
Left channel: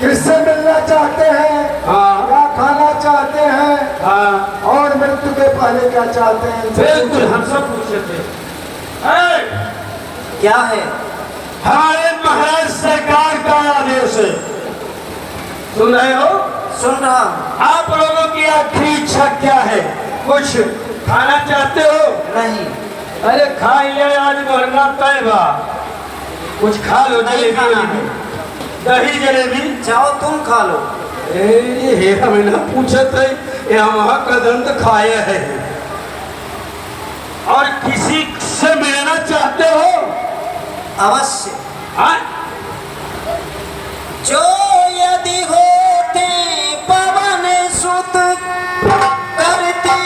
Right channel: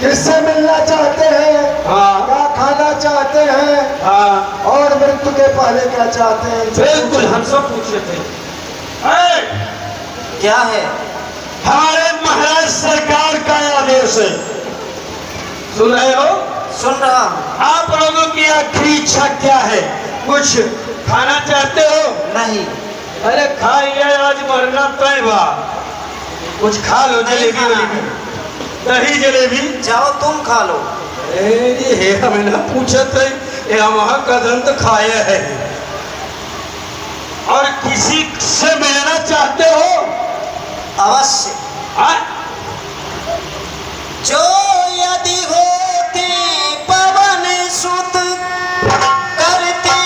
किससे मिलना चाहते हैं, हाँ। क्या खाना चाहते हैं, हाँ और मृत्यु के पहले क्या चाहते हैं? बिल्कुल हम सब पूछे थे। क्या है? हमारे महाराज सरकार का आदेश है। सुन रहे हो? सुन रहा हूँ। आप लोगों की आखिरी इच्छा क्या है? कुछ खाना चाहते हो? नहीं। अरे खाइए, आज मरना तय बा। कुछ खा लो, जलेबी वलेबी, दही जलेबी। जाओ तुम खा लो। ये हमें ना पूछे थे, यहाँ कदम तो खाए है। और किसी से मिलना चाहते हो? अवश्य। हाँ? जो यदि होती पवन सुत करती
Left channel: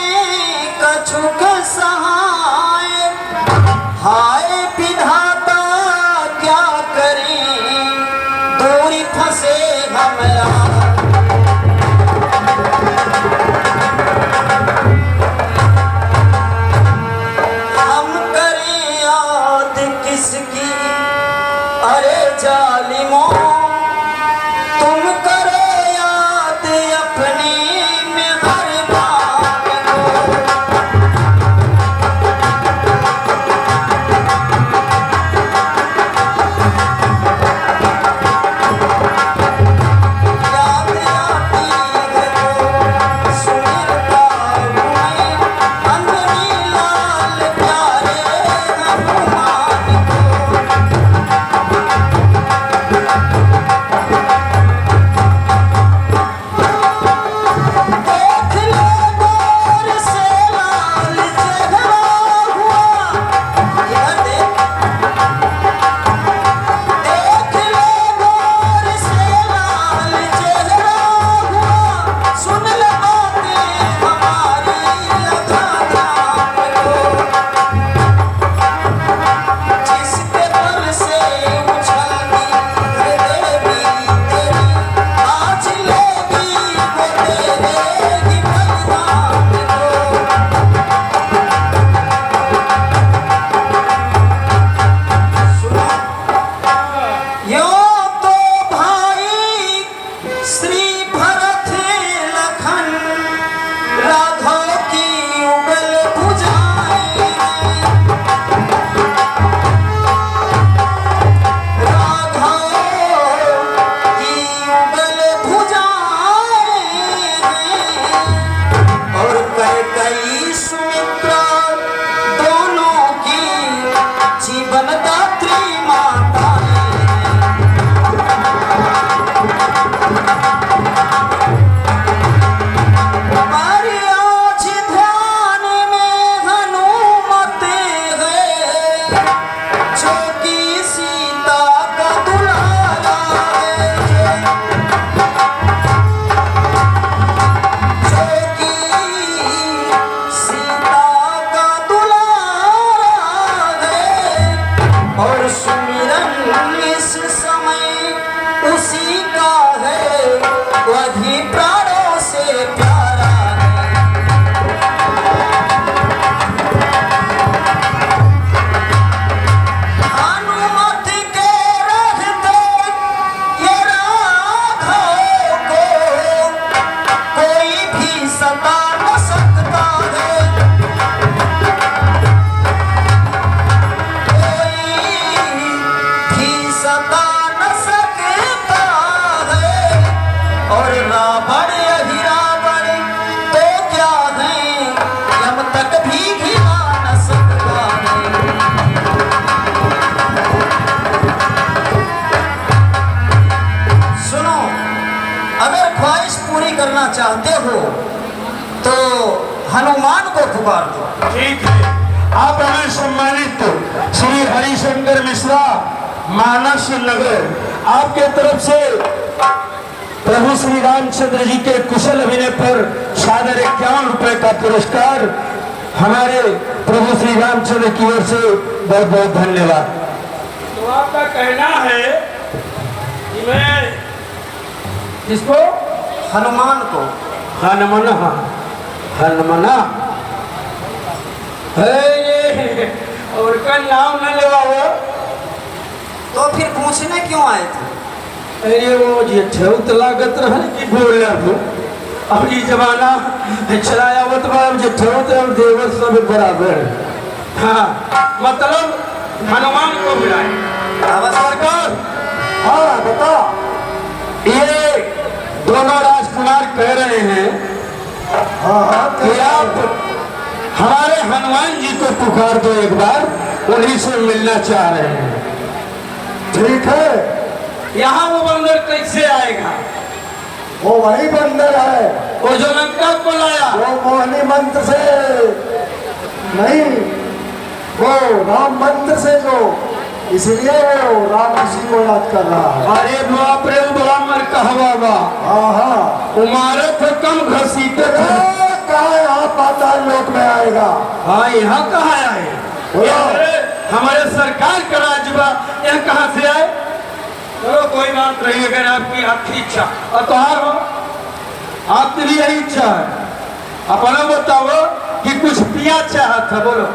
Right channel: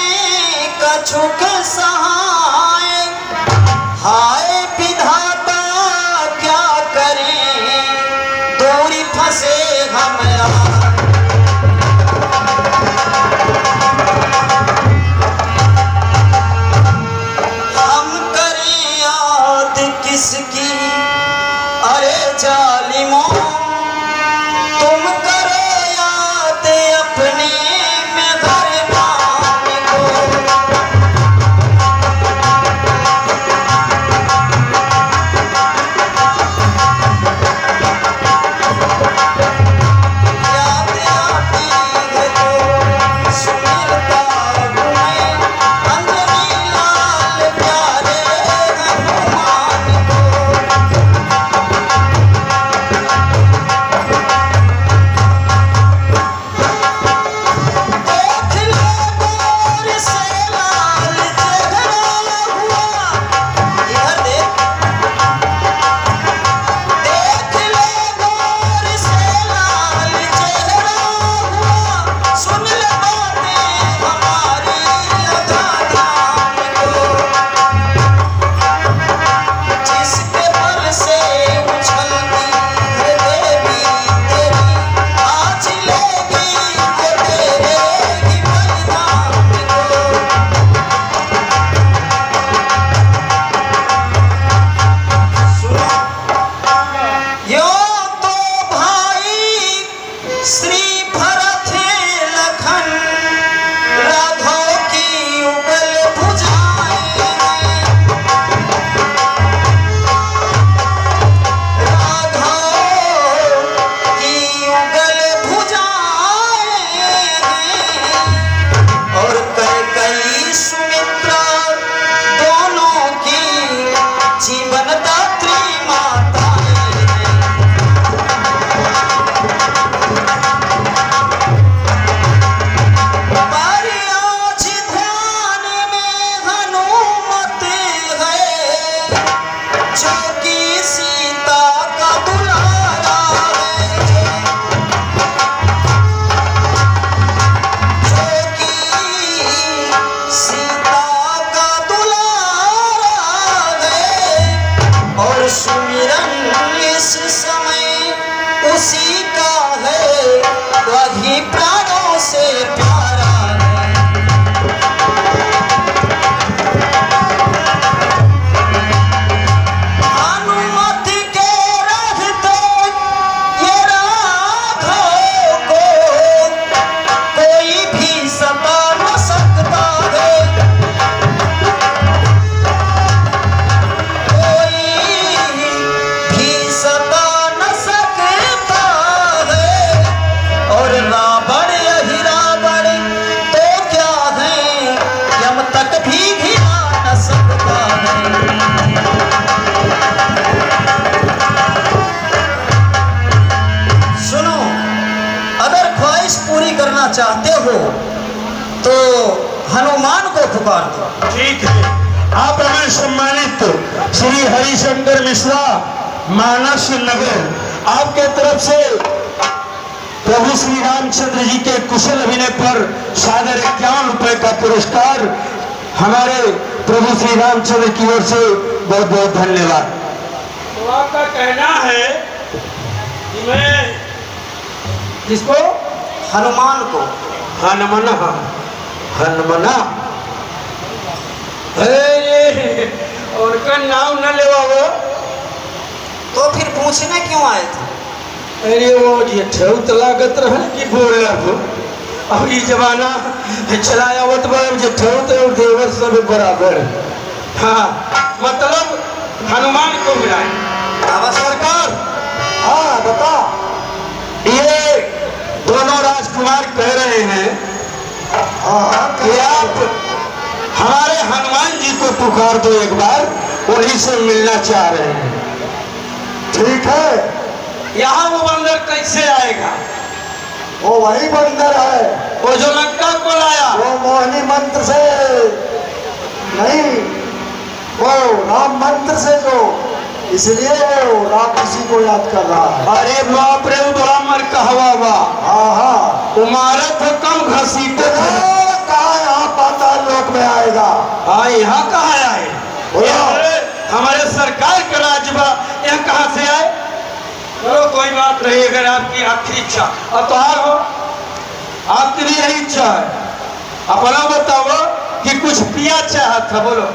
कछुक सहाय, हाय विधाता क्या करें, दूरी फंसे हम यहाँ। हम करें याद किसकी, अरे जालिमों, तुम करो याद अपने मेहरबान को। याद आती है तो सुमिरता तुम्हें, अंजनी लाल प्यारे हनुमान को। देख लो गौर से लाल चेहरा हुआ, इधर देख। देख लो गौर से लाल चेहरा हुआ, सुन ले बातें हमारी लगा ध्यान को। जिसके बल से उछलती है देवी तेरी, आज लेगी वो तेरे ही बलिदान को। सुनो, यो तो भाई श्री भरत लखन, राघव की उगल भुजाएं, राघव की उगल भुजाएं, और कैकेयी सुमित्रा दोनों की जीवन दात्री माताएं। हमारी आज ध्यान में हनुमत है, जो कि सीता का दुलारा है, जो कि सीता का दुलारा है। और सुमिरन इस समय उसी का है, वही प्राणों से प्यारा है। हनुमत के रहते ये राघव को कोई भी सता न सकता है, कोई भी सता न सकता है। और रावण यही रावण तो क्या है, यम तक भी घिरा न सकता है। सुनो, अगर ख्वाहिश पूरी करना चाहते हो तो हनुमान को पुकार दो। ठीक है। आप हमें सम्मानित श्री हरिशंकर मिश्रा मानस नगर आपके तरफ से प्रभु श्री रामचंद्र जी के कुशल अभिनय पर सादर 51 रुपए का पुरस्कार हमारे प्रभु श्री रामचंद्र की ओर से बहुत बहुत धन्यवाद। तो आपका कहना है कि मैं किसको? हनुमान को। हनुमना, हनुमना, और का नाम न लेवा हो, तो फिर पूछने क्यों आए थे? मेरे वो ये ठेउत लागत रहे कि बोला हो। अब ये जमाना चलाया वो तो जे ठेउत और देवर सब बराबर। हाँ, मतलब हनुमान को मिलाए। अब सरकार, हाँ बता। ये दोनों राजकुमार कह रहे हैं हाँ कि आप हमारे हनुमान जी को पुकार दो एक बार, उन्हीं से मिलना चाह रहे हैं। ठीक है, यहाँ वो बंदर कैसे आएगा? वो वही बंदर है, वो जो मैं कब को लाया? वो मोहिनी मंत्र से नहीं, वो राम मंत्र से जो, इसलिए वो राम ऋषि को याद कर रहा है। अरे बाप रे, बड़ा मर कहवा हुआ। हाँ हाँ, तुम्हारा तो कम घसीटे थे। कहा यहाँ पाताल लोक में आएगा। हाँ, यहाँ कहाँ आए? बोलो। हमारे सरकार का राजबा यहाँ कहाँ से आए? चलो कोई बात नहीं, अगर आपकी इच्छा और तुम्हार हो, आपकी भी यही इच्छा है। अपना बताओ कि कुछ पिया चाहत था, बोलो।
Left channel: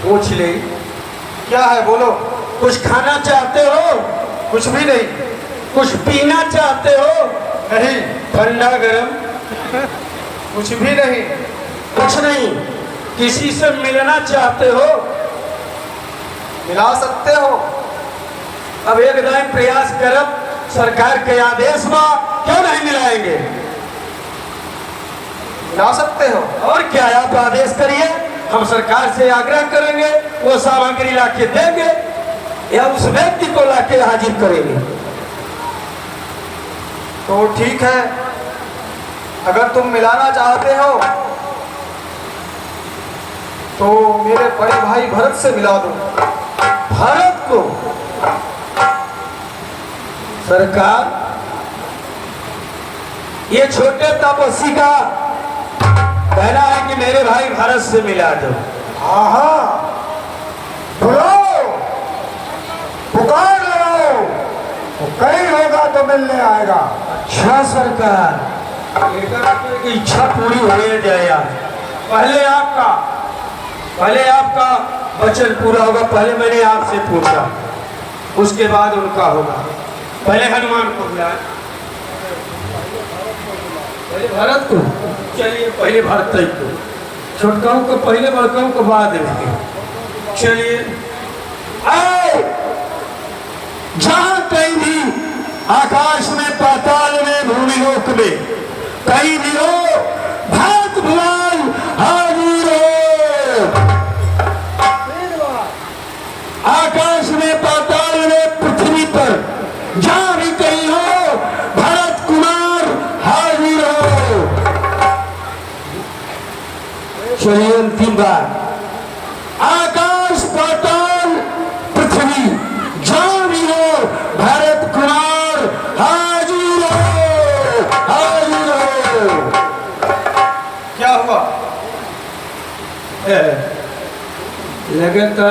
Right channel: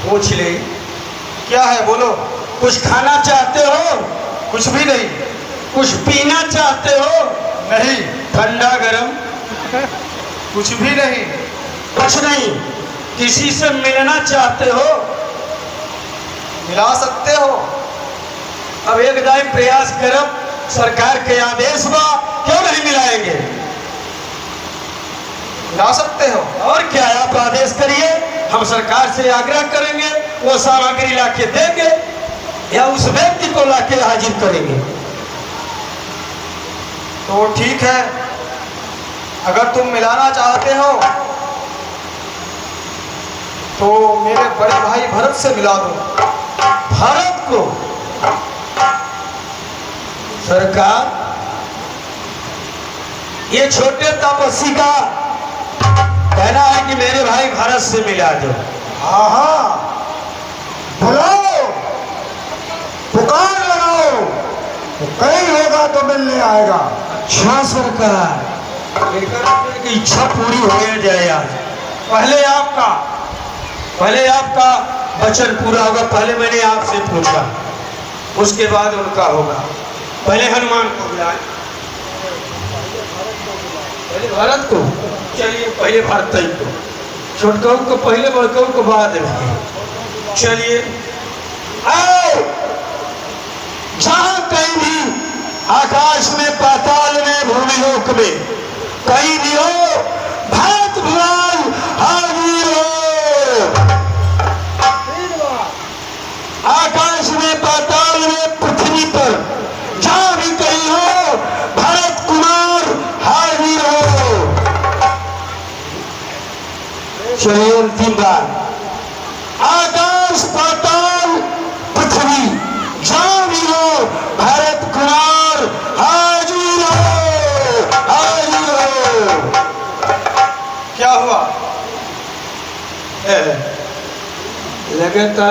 पूछ ले, क्या है बोलो। कुछ खाना चाहते हो? कुछ भी नहीं। कुछ पीना चाहते हो? नहीं। ठंडा गरम? कुछ भी नहीं। कुछ नहीं। किसी से मिलना चाहते हो? मिला सकते हो। अब एक दाई प्रयास करो, सरकार के आदेश बा, क्यों नहीं मिलाएंगे? मिला सकते हो। और क्या, आप आदेश करिए, हम सरकार से आग्रह करेंगे, वो सामग्री लाके देंगे या उस व्यक्ति को लाके हाजिर करेंगे। तो ठीक है, अगर तुम मिलाना चाहते हो तो मेरे बड़े भाई भरत से मिला दो। भारत को सरकार, ये छोटे तपस्वी का कहना है कि मेरे भाई भारत से मिला दो। हाँ हाँ, बुलाओ, पुकार लगाओ, तो कहीं होगा तो मिलने आएगा। अच्छा सरकार, की इच्छा पूरी हो जाए आज। पहले आपका वचन पूरा होगा। पहले मैंने आपसे पूछा, उसके बाद उनका होगा। पहले हनुमान को बुलाए, पहले भारत को। चलिए, पहले भारत को, छोटकाओं को पहले, बड़काओं को बाद में। चलिए, आओ। जहां कहीं भी, आकाश में, पाताल में, भूमिलोक में, कहीं भी हो, भारत भगवान हाजिर हो। आकाश में, पाताल में, पृथ्वी पर, जहां भी कहीं हो, भरत कुमार हाजिर हो। चलिए, अंतिम बार, आकाश, पाताल, पृथ्वी, जहां भी हो, भरत कुमार हाजिर हो, हाजिर हो। क्या हुआ? लगता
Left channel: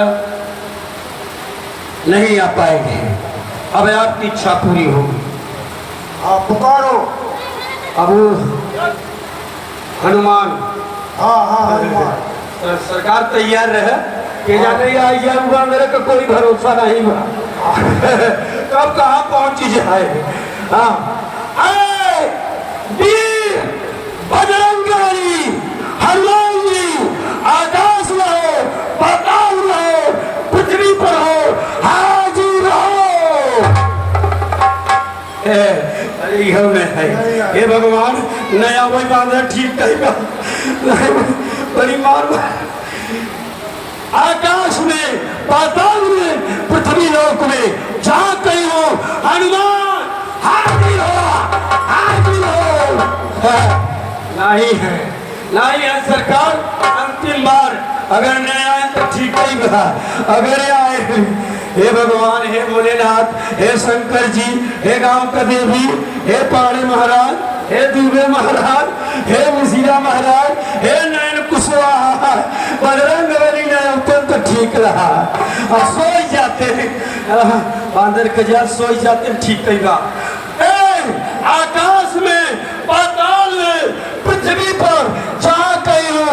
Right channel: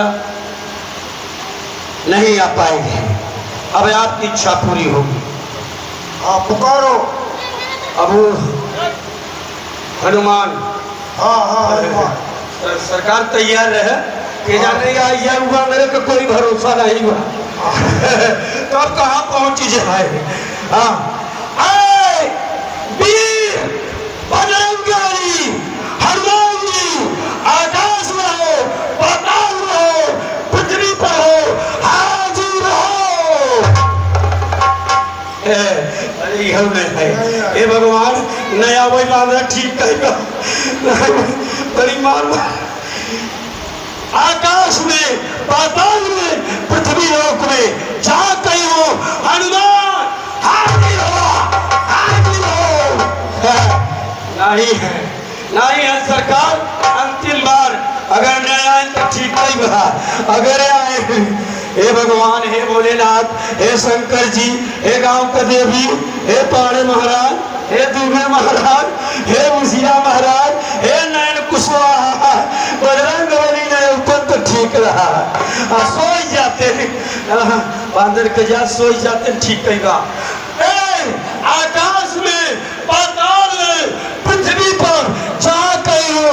नहीं आ पाएंगे। अब आपकी इच्छा पूरी होगी। आप पुकारो। अब हनुमान, हाँ हाँ हनुमान। सरकार तैयार रहे कि जाने आइया हुआ, मेरे का कोई भरोसा नहीं हुआ। तो अब कहाँ पहुंच जाए? हाँ, आए वीर बजरंगबली हनुमान जी, आकाश में हो, पाताल में हो, पृथ्वी पर हो, हाजिर हो। अरे यह में है, हे भगवान, नया वही बांधा ठीक कहेगा। बड़ी मार, आकाश में, पाताल में, पृथ्वी लोक में, जहां कहीं हो, हनुमान हाजिर हो, हाजिर हो। नहीं है, नहीं है सरकार। अंतिम बार अगर नहीं आए तो ठीक ही बात, अगर आए, हे भगवान, हे भोलेनाथ, हे शंकर जी, हे गांव का देवी, हे पाड़े महाराज, हे दुबे महाराज, हे मुसिया महाराज, हे नयन कुशवाहा, बजरंगबली ने ऊपर तो ठीक रहा। अब सो जाते हैं, बांदर के जा सो जाते हैं, ठीक कहेगा। आकाश में, पाताल में, पृथ्वी पर, जहां कहीं हो,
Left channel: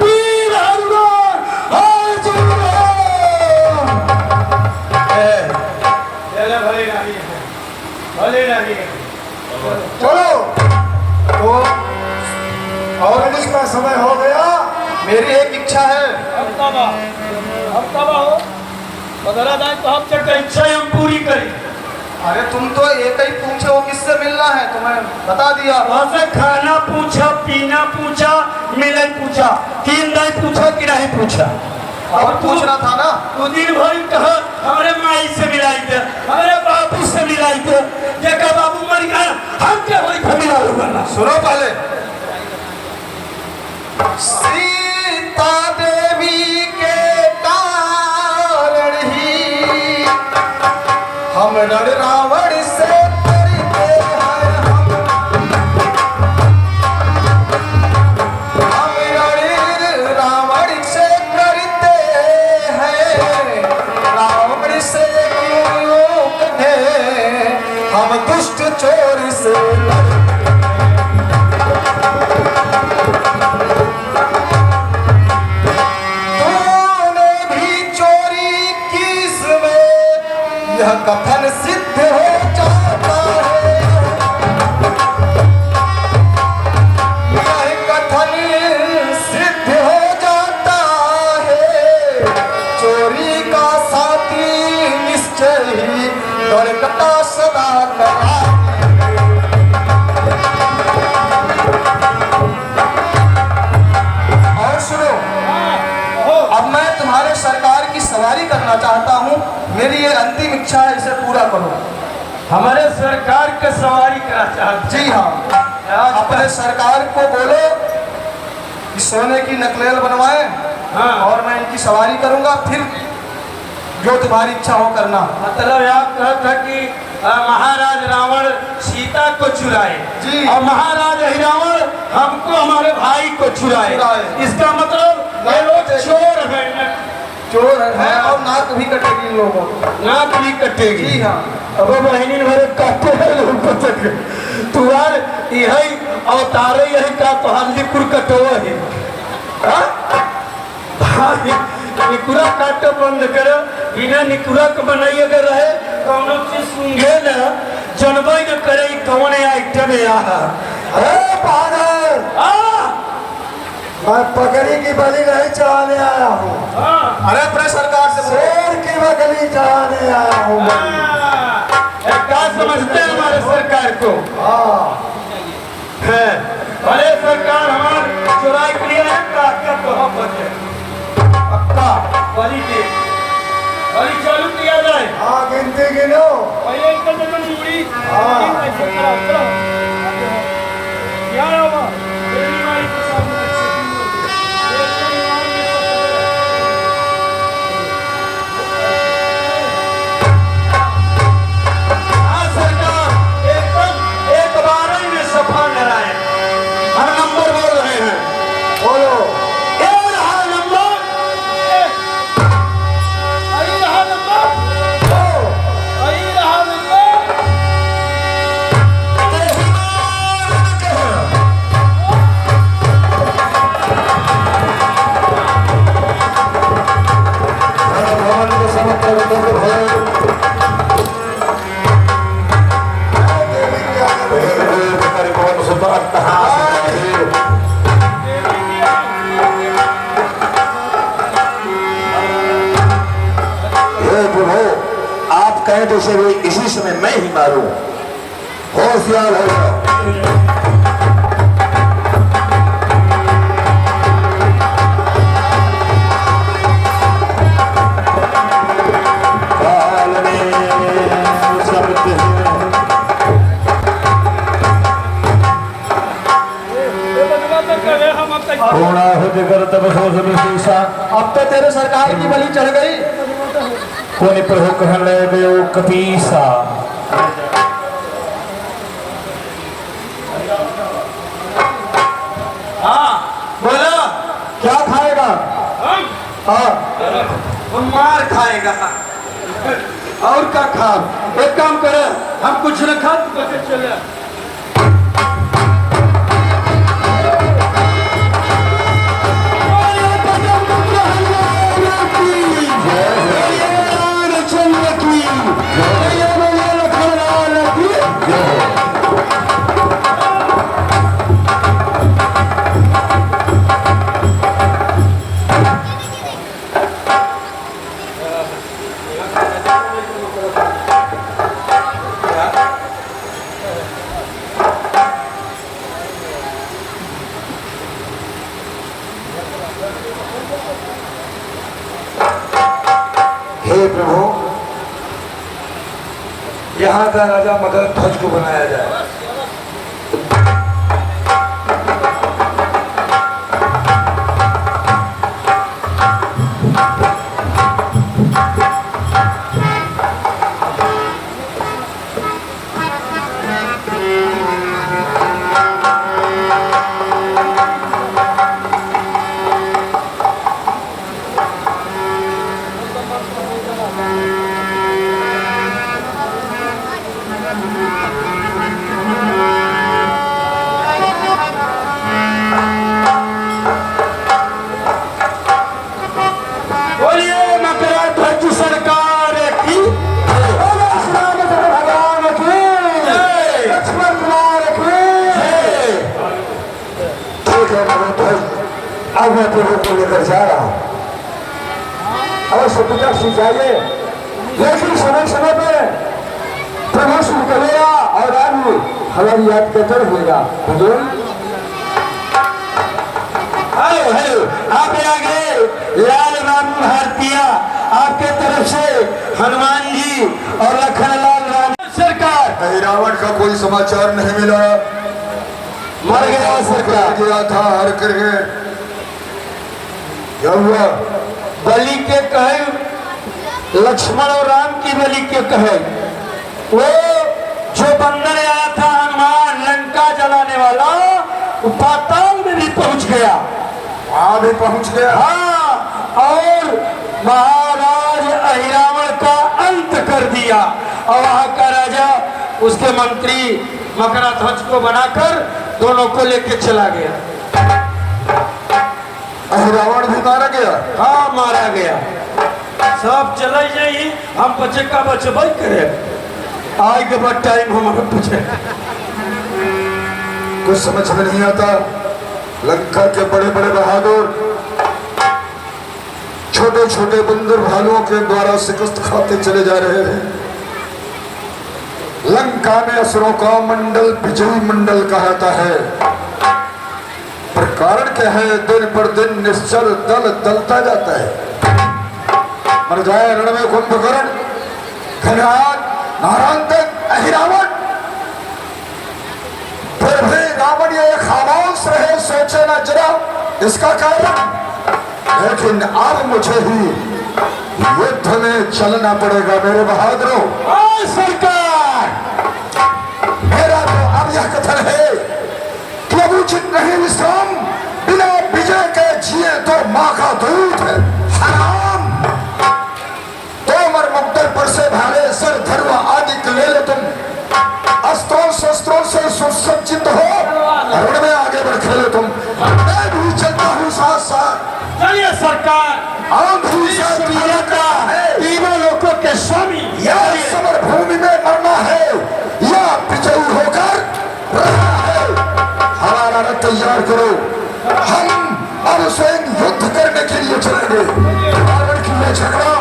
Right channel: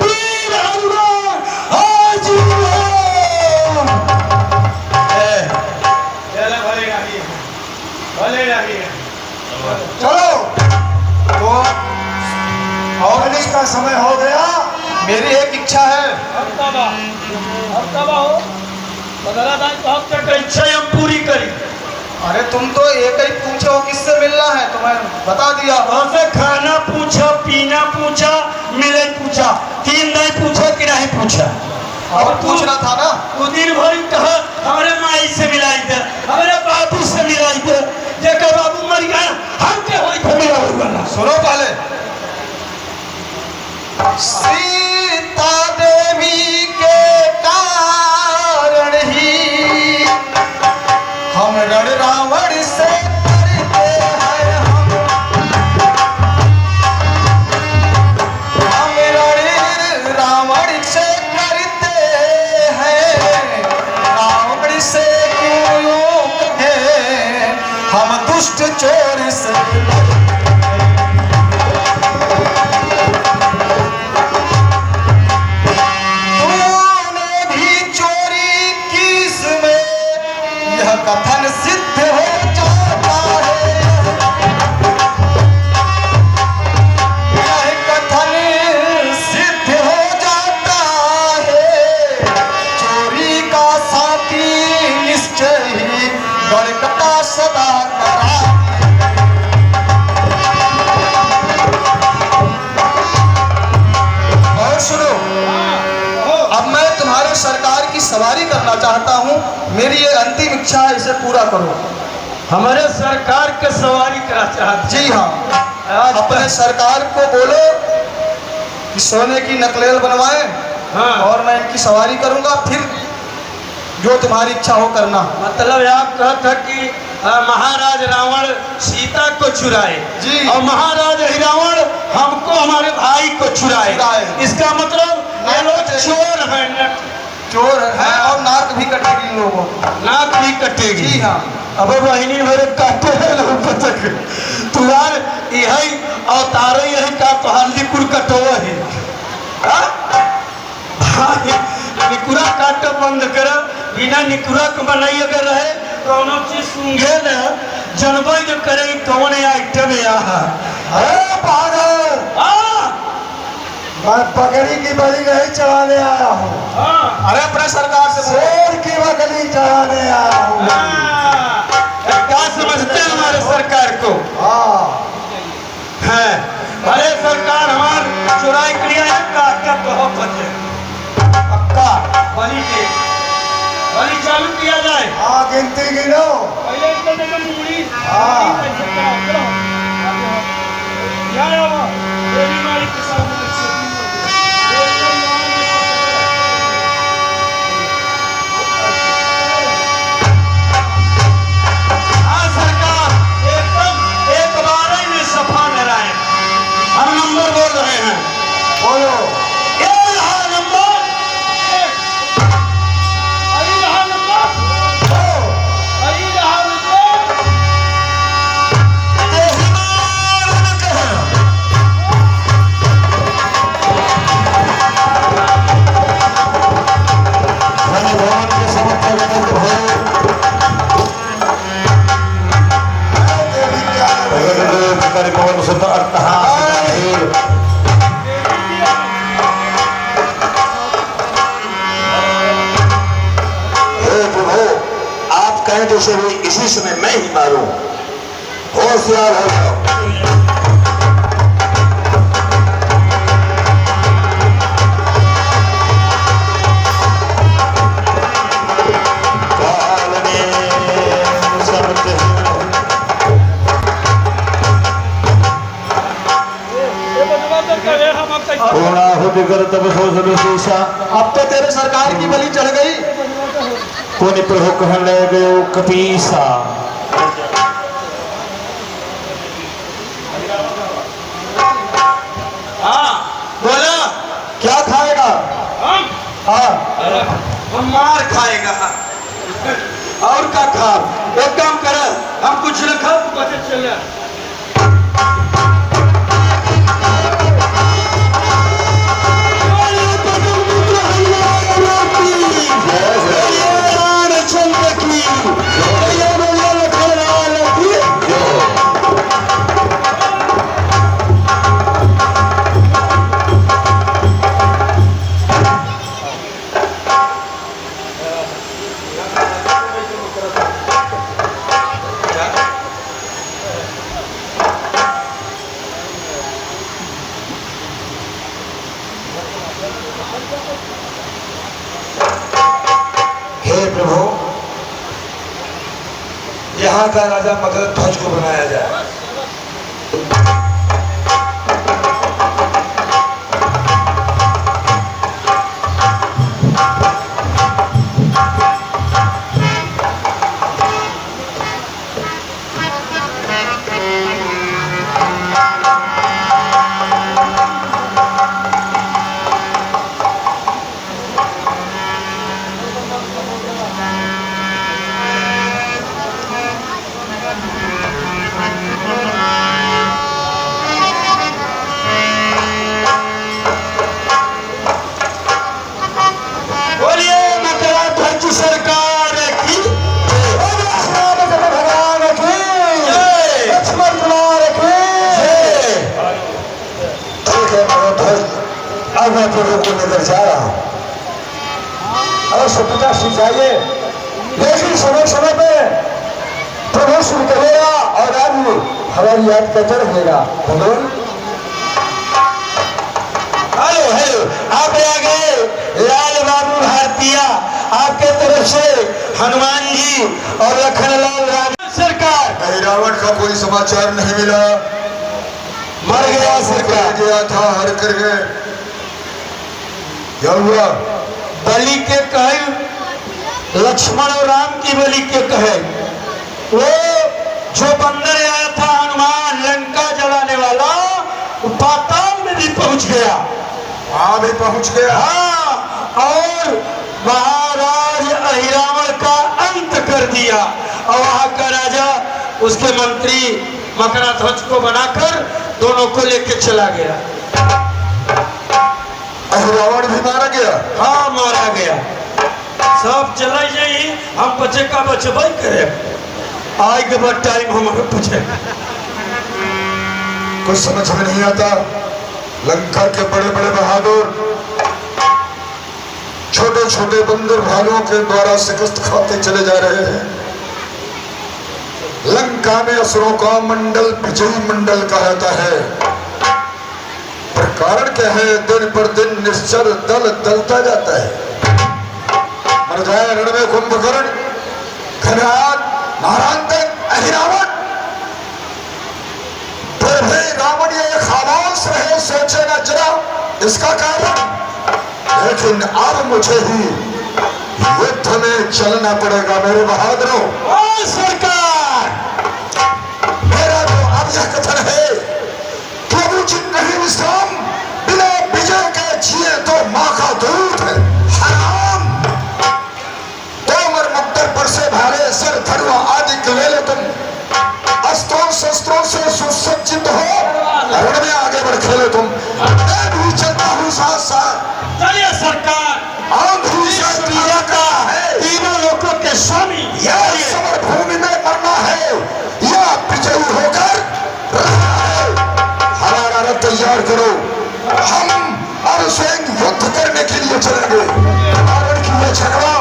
वीर हनुमान हाजिर हो। हम तब हो बदला दाई तो हम चढ़ इच्छा हम पूरी करी। अरे तुम तो एक ही पूछे हो किससे मिलना है, तुम्हें बता दिया। वहां से खाना पूछा, पीना पूछा, मिलाई पूछा, 3 नहीं पूछा कि नहीं पूछा। और पूछना था ना। तू दिन भर कहा हमारे माई से मिलाई दे, हमारे बाबू से मिलाई दे, देखा बाबू मर गया हम क्या होई खमीरा होगा। सुनो पहले, सीता देवी के कारण ही हम रण रावण से करते हैं, हम रण रावण से करते हैं, रावण से क्यों कहें हम दुष्ट चोर से। कथन सिद्ध हो जाता है, कथन सिद्ध हो जाता है, चोरी का साथी निश्चय ही गणकता सदा करा। और सुनो, अब मैं तुम्हारे सरकार की सवारी करना चाहता हूँ, मेरी ये अंतिम इच्छा है, इसे पूरा करो। हमारे सरकार के सवारी करा चाहते। जी हाँ, अपने सरकार को बोलो कि सोने की नकलेल बनवाए, हाँ। और मैं इनकी सवारी करूंगा, फिर जो तुम्हारी इच्छा हो करना। मतलब आप कहते कि महाराज रावण सीता को चुराए जी, और महाराज रावण हमको हमारे भाई को चुराए। इसका मतलब ये लोग चोर है, चोर है और नाक भी कटेगी इन लोगों को। नाक भी कटेगी। जी हाँ। अब महीने भर काटे हैं लोग तक तुहार यही अवतार यही का तुहार लिकुर कटो है। निकुरा काटो बंद कर, बिना निकुरा के बनाई अगर रहे कोनो चीज सूंघे ना जनबई न करे कौन आइटम यहाँ। अरे पागल, मैं पगड़ी की बलि नहीं चढ़ाने आया हूँ, अरे अपने सरकार से बोलो। शेर की बलि चढ़ाने आया हूँ। क्या समझते हैं हमारे सरकार को? हाँ, है अरे सरकार हमारे चुराई के लिए क्या तो हम बचे पक्का बलि के बलि चालू किया जाए। हाँ, गिनती गिनो। सरकार एकदम एक बार ही में सफा नारायण हम नंबर बोल रहे हैं। बोलो। ये रहा नंबर एक, आई रहा नंबर दो, आई रहा नंबर आप कहें तो उसे भी इसी समय मैं ही मारूं। होशियार हो जाओ। अब तो तेरे सरकार की बलि चढ़ गई। कोनी प्रभु कहने गयो कपीसा। हाँ बोला क्या खाएगा? हाँ, हम मार खाएगा और क्या खा। एक काम करो हम कुछ न खा बचे चले। हे प्रभु, यहाँ का राजा मगध ध्वज को बनाया जाए। आज मैं प्रभु को लेकर जा रहा हूँ। अवश्य पिता श्री चाहिए, लेकिन समय समय पे प्रभु श्री करेगा और आज हमारी याद करते रहेगा। हेलो हेलो हेलो, आप आ गए। लाल बाबू भारतीया आपके तरफ से हनुमान जी और लखनलाल राम सरकार। रावण का कोई समाचार नहीं मिला, मर गया सरकार। गया था हर करके। क्या हुआ? बलि के कहे, लक्ष्मण और राम की बलि के कहे, वो जो बंदर आया था हनुमान लंका जलाने वाला, वो पाताल में भी पहुंच गया। भी पहुंच गया। हाँ, और महाराज अहिरावण का अंत कर दिया। और वहां का राजा उसके मंत्री मकरध्वज को बनाकर दोनों को लेके चला गया। रावण भी मारा गया। हाँ, मारा गया। सब चले जाइए, हम बचे का बचबई करे। आज के बाद टाइम हमारे पूछे कुछ समझ में नहीं आता। लंका के बड़े बड़े बहादुर छोटे छोटे बंदर भालुओं के द्वारा शिकस्त खाते चले जा रहे हैं। लंका में असुरों का मंडल विजयी मंडल कहता है, पर कारण क्या है? दिन पर दिन निश्चल दल दलता जाता है। मर जाए रण में कुंभकर्ण, खरहार, नारायण, अहिरावण। फिर भी रावण ये खामोश रहे, सोचे ना जरा इसका कारण। लेकिन अब मुझे ही युद्ध में चलना पड़ेगा मेरे बहादुरों। सरकार, मेरा तो अब यह कथन है, प्रभु जी नहीं विश्राम, बिना विजय के जिए तो माँ का दूध है। हराम तोमर मुक्तर पर से भाले सर धरवा आदि कवेले तुम अस्त्रों शस्त्रों से सुसज्जित हो, रण में आगे बढ़ खेले तुम। मैं भी चलता हूँ साथ साथ। चलिए सरकार। तीनों लोगों के स्वामी या समर भूमि में मरना है या विजयी होकर रहना है। हमारा रथ तैयार करो, हम अब स्वयं युद्ध करने के लिए चलेंगे। रावण की यह झगड़ा